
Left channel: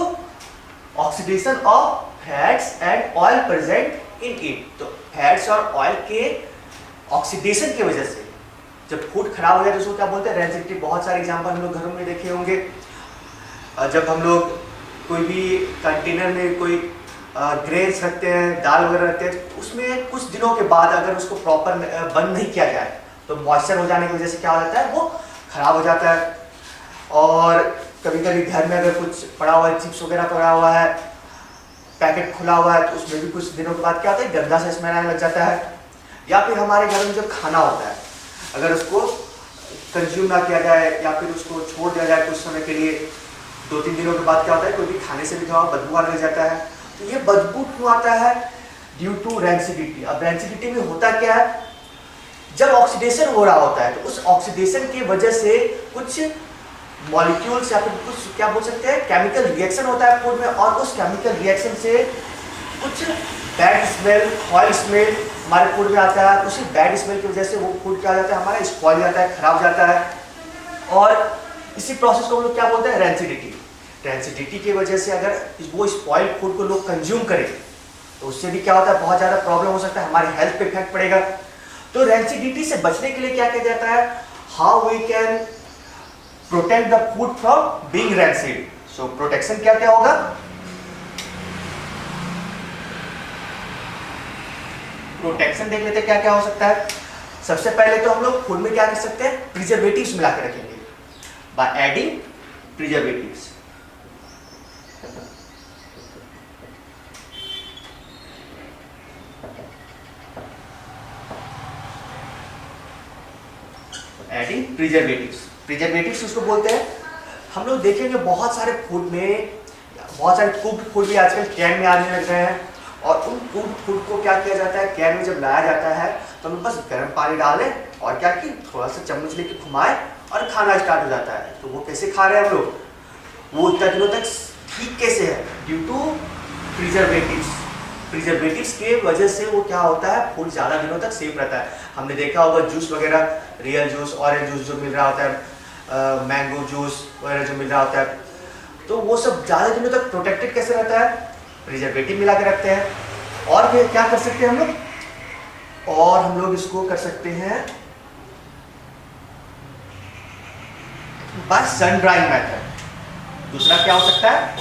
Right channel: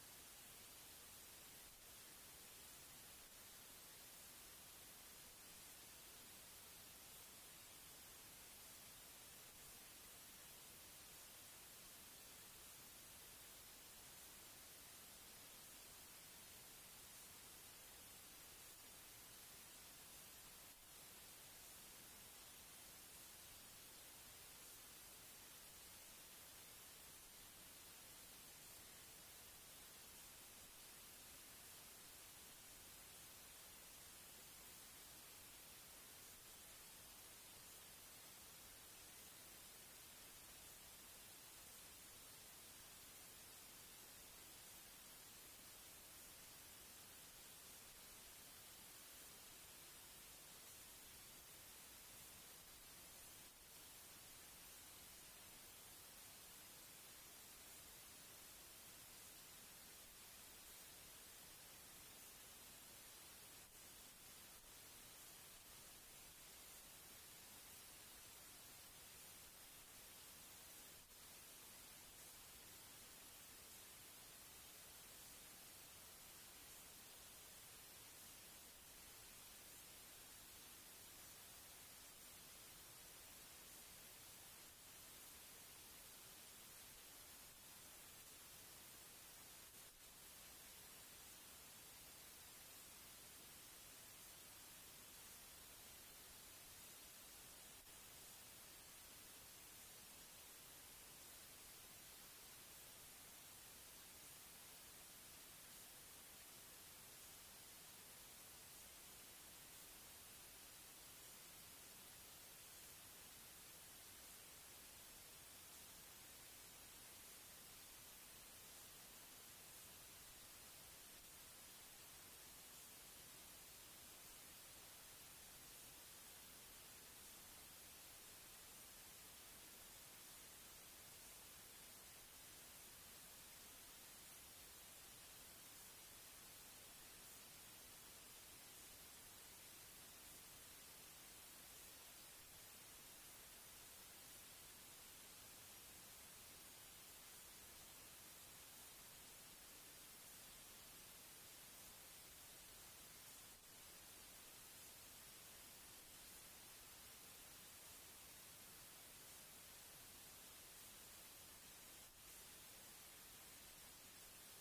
oxidation of fats and oil present in it. तो fats और oil के oxidation की वजह से जब फूड खराब हो जाए तो उसको क्या बोलते हैं, रेंसिडिटी। बहुत सारे एग्जांपल हम लोग घरों में देखे होंगे, जब हम लोग कोई भी कंटेनर में कोई ग्रेन्स रखते हैं, दाल वगैरह रखते हैं, तो उसमें कुछ दिनों के बाद अगर उसको प्रॉपर बंद नहीं किया जाए तो मॉइस्चर हो जाने की वजह से क्या हो जाता है, वो खराब हो जाता है। और कभी कभी घर में अगर कुछ पड़ा हुआ है, चिप्स वगैरह पड़ा हुआ है, पैकेट खुला हुआ है, तो उसमें भी कुछ दिनों के बाद क्या होता है, गंदा सा स्मेल आने लग जाता है। या फिर हमारे घर में जो खाना होता है, अगर उसको कंज्यूम ना किया जाए या फिर उसको छोड़ दिया जाए कुछ समय के लिए, 2-3 दिनों के बाद क्या होता है, कोई भी खाने से भी थोड़ा बदबू आने लग जाता है। तो ये बदबू क्यों आता है? Due to rancidity. अब रैंसिडिटी में होता क्या है, जब ऑक्सीडेशन हो रहा होता है तो उस ऑक्सीडेशन की वजह से कुछ मॉलिक्यूल्स या फिर कुछ क्या बोल सकते हैं, केमिकल रिएक्शन होता है फूड में, और उस केमिकल रिएक्शन से कुछ बैड स्मेल, ऑयल स्मेल हमारे फूड में आता है। उसी बैड स्मेल की वजह से वो फूड क्या हो जाता है, हमारा स्पॉइल जाता है, खराब जाता है। और इसी प्रोसेस को हम लोग क्या बोलते हैं, रैंसिडिटी। रैंसिडिटी की वजह से अगर वो स्पॉइल फूड को लोग कंज्यूम करें तो उससे भी क्या होता है, बहुत ज़्यादा प्रॉब्लम हो सकता है, हमारे हेल्थ पे इफेक्ट पड़ेगा। तो रैंसिडिटी से बचने के लिए क्या किया जाता है, how we can protect the food from being rancid. So protection क्या क्या होगा, प्रोटेक्शन देख लेते हैं क्या क्या हो सकता है। सबसे पहले तो हम लोग फूड में क्या कर सकते हैं, प्रिजर्वेटिव्स मिला के रखेंगे by adding preservatives. Adding preservatives, preservatives उसको बोलते हैं। हम लोग देखेंगे बहुत सारे फूड में, बहुत सारे कुक्ड फूड भी आजकल कैन में आने लग रहे हैं, और उन कुक्ड फूड को क्या किया जाता है, कैन में जब लाया जाता है तो हम बस गर्म पानी डालें और क्या कि थोड़ा सा चम्मच लेके घुमाए और खाना स्टार्ट हो जाता है। तो वो कैसे खा रहे हैं हम लोग, वो इतना दिनों तक ठीक कैसे है, ड्यू टू प्रिजर्वेटिव्स। प्रिजर्वेटिव्स के वजह से वो क्या होता है, फूड ज़्यादा दिनों तक सेफ रहता है। हमने देखा होगा जूस वगैरह, रियल जूस, ऑरेंज जूस जो मिल रहा होता है, मैंगो जूस वगैरह जो मिल रहा होता है, तो वो सब ज़्यादा दिनों तक प्रोटेक्टेड कैसे रहता है, प्रिजर्वेटिव मिला के रखते हैं। और फिर क्या कर सकते हैं हम लोग, और हम लोग इसको कर सकते हैं बाय सन ड्राइंग मेथड। दूसरा क्या हो सकता है,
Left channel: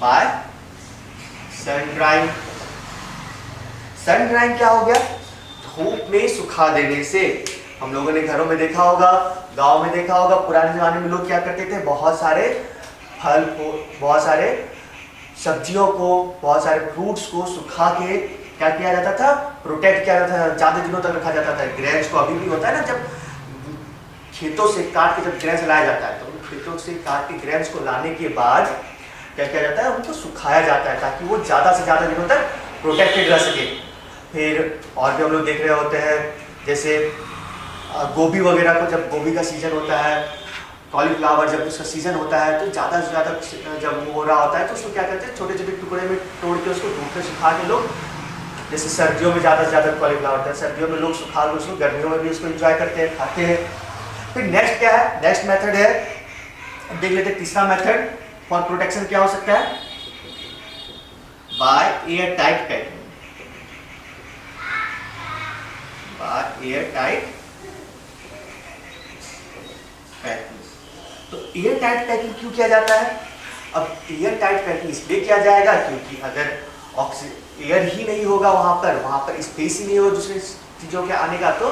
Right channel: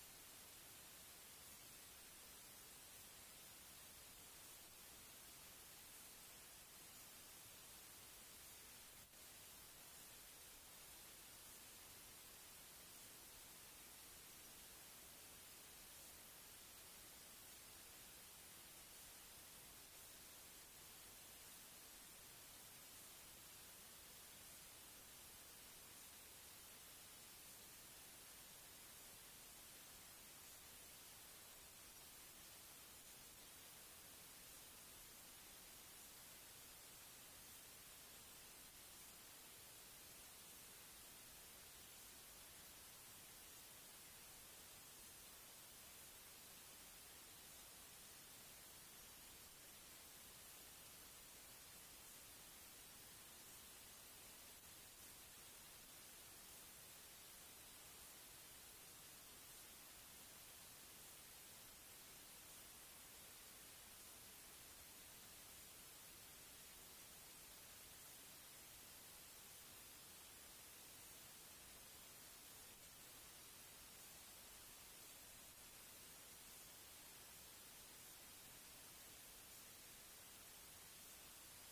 bye sun drying. Sun drying क्या हो गया, धूप में सुखा देने से। हम लोगों ने घरों में देखा होगा, गांव में देखा होगा, पुराने जमाने में लोग क्या करते थे, बहुत सारे फल को, बहुत सारे सब्जियों को, बहुत सारे फ्रूट्स को सुखा के क्या किया जाता था, प्रोटेक्ट किया जाता था, ज़्यादा दिनों तक रखा जाता था। ग्रेन्स को अभी भी होता है ना, जब खेतों से काट के जब ग्रेन्स लाया जाता है तो उन खेतों से काट के ग्रेन्स को लाने के बाद क्या किया जाता है, उनको सुखाया जाता है ताकि वो ज़्यादा से ज़्यादा दिनों तक प्रोटेक्टेड रह सके। फिर और भी हम लोग देख रहे होते हैं, जैसे गोभी वगैरह को, जब गोभी का सीजन होता है, कॉलीफ्लावर जब उसका सीजन होता है, तो ज़्यादा से ज़्यादा जब वो हो रहा होता है तो उसको क्या करते हैं, छोटे छोटे टुकड़े में तोड़ के उसको धूप में सुखा के लोग, जैसे सर्दियों में ज़्यादा से ज़्यादा कॉलीफ्लावर होता है, सर्दियों में लोग सुखा के उसको, गर्मियों में भी उसको एंजॉय करते हैं, खाते हैं। फिर नेक्स्ट क्या है, नेक्स्ट मेथड है, अब देख लेते हैं तीसरा मेथड फॉर प्रोटेक्शन क्या हो सकता है, by air tight packing. By air tight packing. तो एयर टाइट पैकिंग क्यों किया जाता है, अब एयर टाइट पैकिंग इसलिए किया जाएगा क्योंकि अगर एयर ही नहीं होगा वहाँ पर स्पेस ही नहीं होगा दूसरी चीज़ों के आने का, तो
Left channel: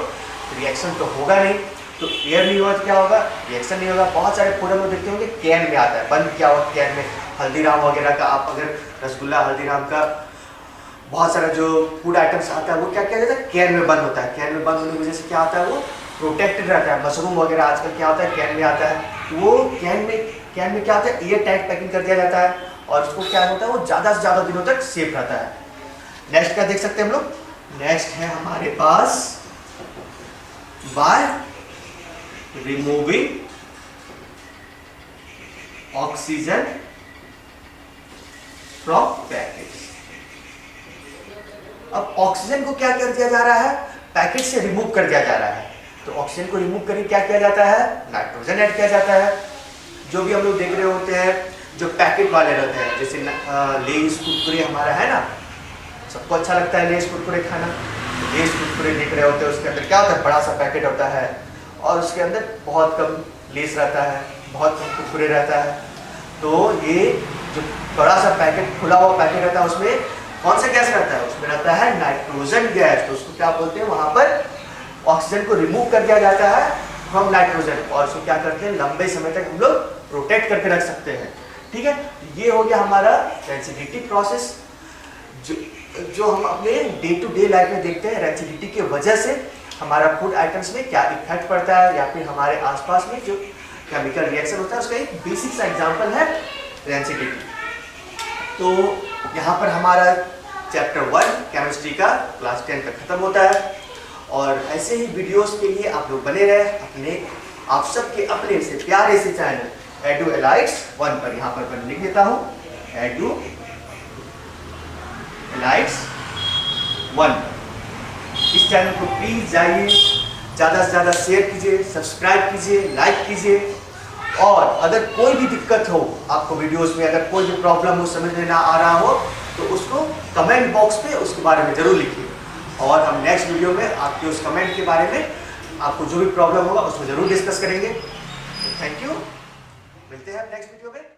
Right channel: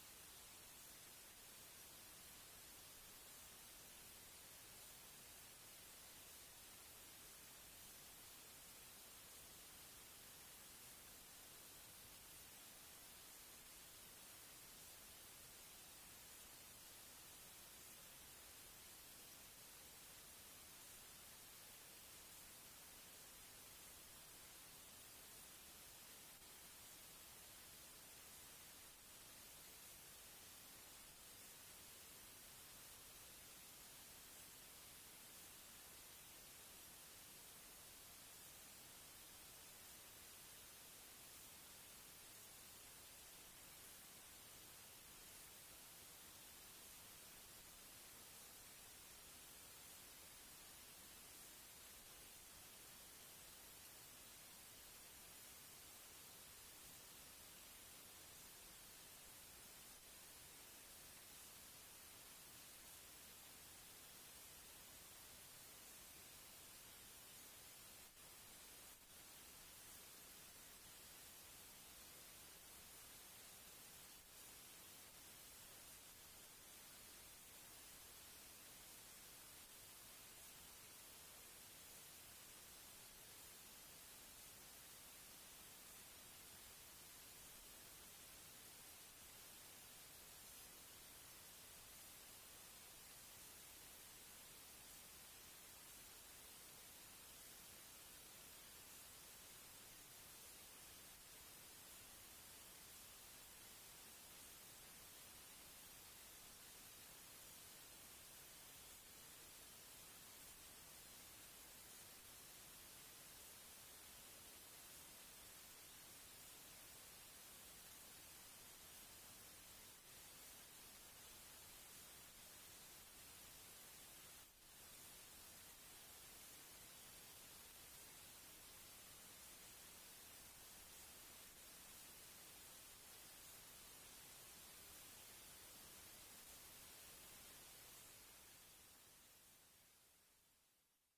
रिएक्शन तो होगा नहीं। तो एयर नहीं होगा तो क्या होगा, रिएक्शन नहीं होगा। बहुत सारे फूड में देखते होंगे कैन में आता है, बंद किया हुआ कैन में, हल्दीराम वगैरह का, आप अगर रसगुल्ला हल्दीराम का बहुत सारा जो फूड आइटम्स आता है वो क्या किया जाता है, कैन में बंद होता है। कैन में बंद होने की वजह से क्या होता है, वो प्रोटेक्टेड रहता है। मशरूम वगैरह आजकल क्या होता है, कैन में आता है, वो कैन में क्या होता है, एयर टाइट पैकिंग कर दिया जाता है और उसको क्या होता है, वो ज़्यादा से ज़्यादा दिनों तक सेफ रहता है। नेक्स्ट क्या देख सकते हैं हम लोग, नेक्स्ट है हमारे पास by removing oxygen from packet. अब ऑक्सीजन को क्या कर दिया जा रहा है, पैकेट से रिमूव कर दिया जा रहा है। तो ऑक्सीजन को रिमूव करके क्या किया जाता है, नाइट्रोजन ऐड किया जाता है। जो भी हम लोग देख रहे होते हैं, जो पैकेट वाले रहते हैं, जैसे लेज कुरकुरे हमारा है ना, सबको अच्छा लगता है लेज कुरकुरे खाना। लेज कुरकुरे देख रहे होते हैं, उसके अंदर क्या होता है, बड़ा सा पैकेट होता है और उसके अंदर बहुत कम लेस रहता है। बहुत कुरकुरे रहता है। तो ये जो बड़ा सा पैकेट, खुला हुआ पैकेट रहता है, उसमें कौन सा गैस रहता है? उसमें रहता है नाइट्रोजन गैस। तो उसको क्या बोलते हैं? वहाँ पर ऑक्सीजन को रिमूव कर दिया जाता है फ्रॉम नाइट्रोजन, और उसको क्या करते हैं? लंबे समय तक हम लोग प्रोटेक्ट करके रख सकते हैं। ठीक है, ये हो गया हमारा रेंसिडिटी प्रोसेस, जो हम अपने डे टू डे लाइफ में देखते हैं। रेंसिडिटी की वजह से हमारा फूड आइटम्स में क्या इफेक्ट पड़ता है, या फिर हमारे आसपास में जो केमिकल रिएक्शन होता है उसका एक बेसिक सा एग्जांपल है रेंसिडिटी। तो यहाँ पर हमारा चैप्टर 1 केमिस्ट्री का क्लास 10 का खत्म होता है। और ऐसे ही वीडियोस के लिए आप लोग बने रहे अपने, आप सबके अपने से प्यारे से चैनल एडू एलाइट्स 1 पर। यहाँ पर मैं लिख देता हूँ एडू एलाइट्स 1। इस चैनल को प्लीज जाइए, ज़्यादा से ज़्यादा शेयर कीजिए, सब्सक्राइब कीजिए, लाइक कीजिए। और अगर कोई भी दिक्कत हो आपको वीडियोस में, अगर कोई भी प्रॉब्लम हो, समझ में ना आ रहा हो, तो उसको कमेंट बॉक्स पे उसके बारे में ज़रूर लिखिए। और हम नेक्स्ट वीडियो में आपके उस कमेंट के बारे में, आपको जो भी प्रॉब्लम होगा उसमें ज़रूर डिस्कस करेंगे। थैंक यू, मिलते हैं नेक्स्ट वीडियो में।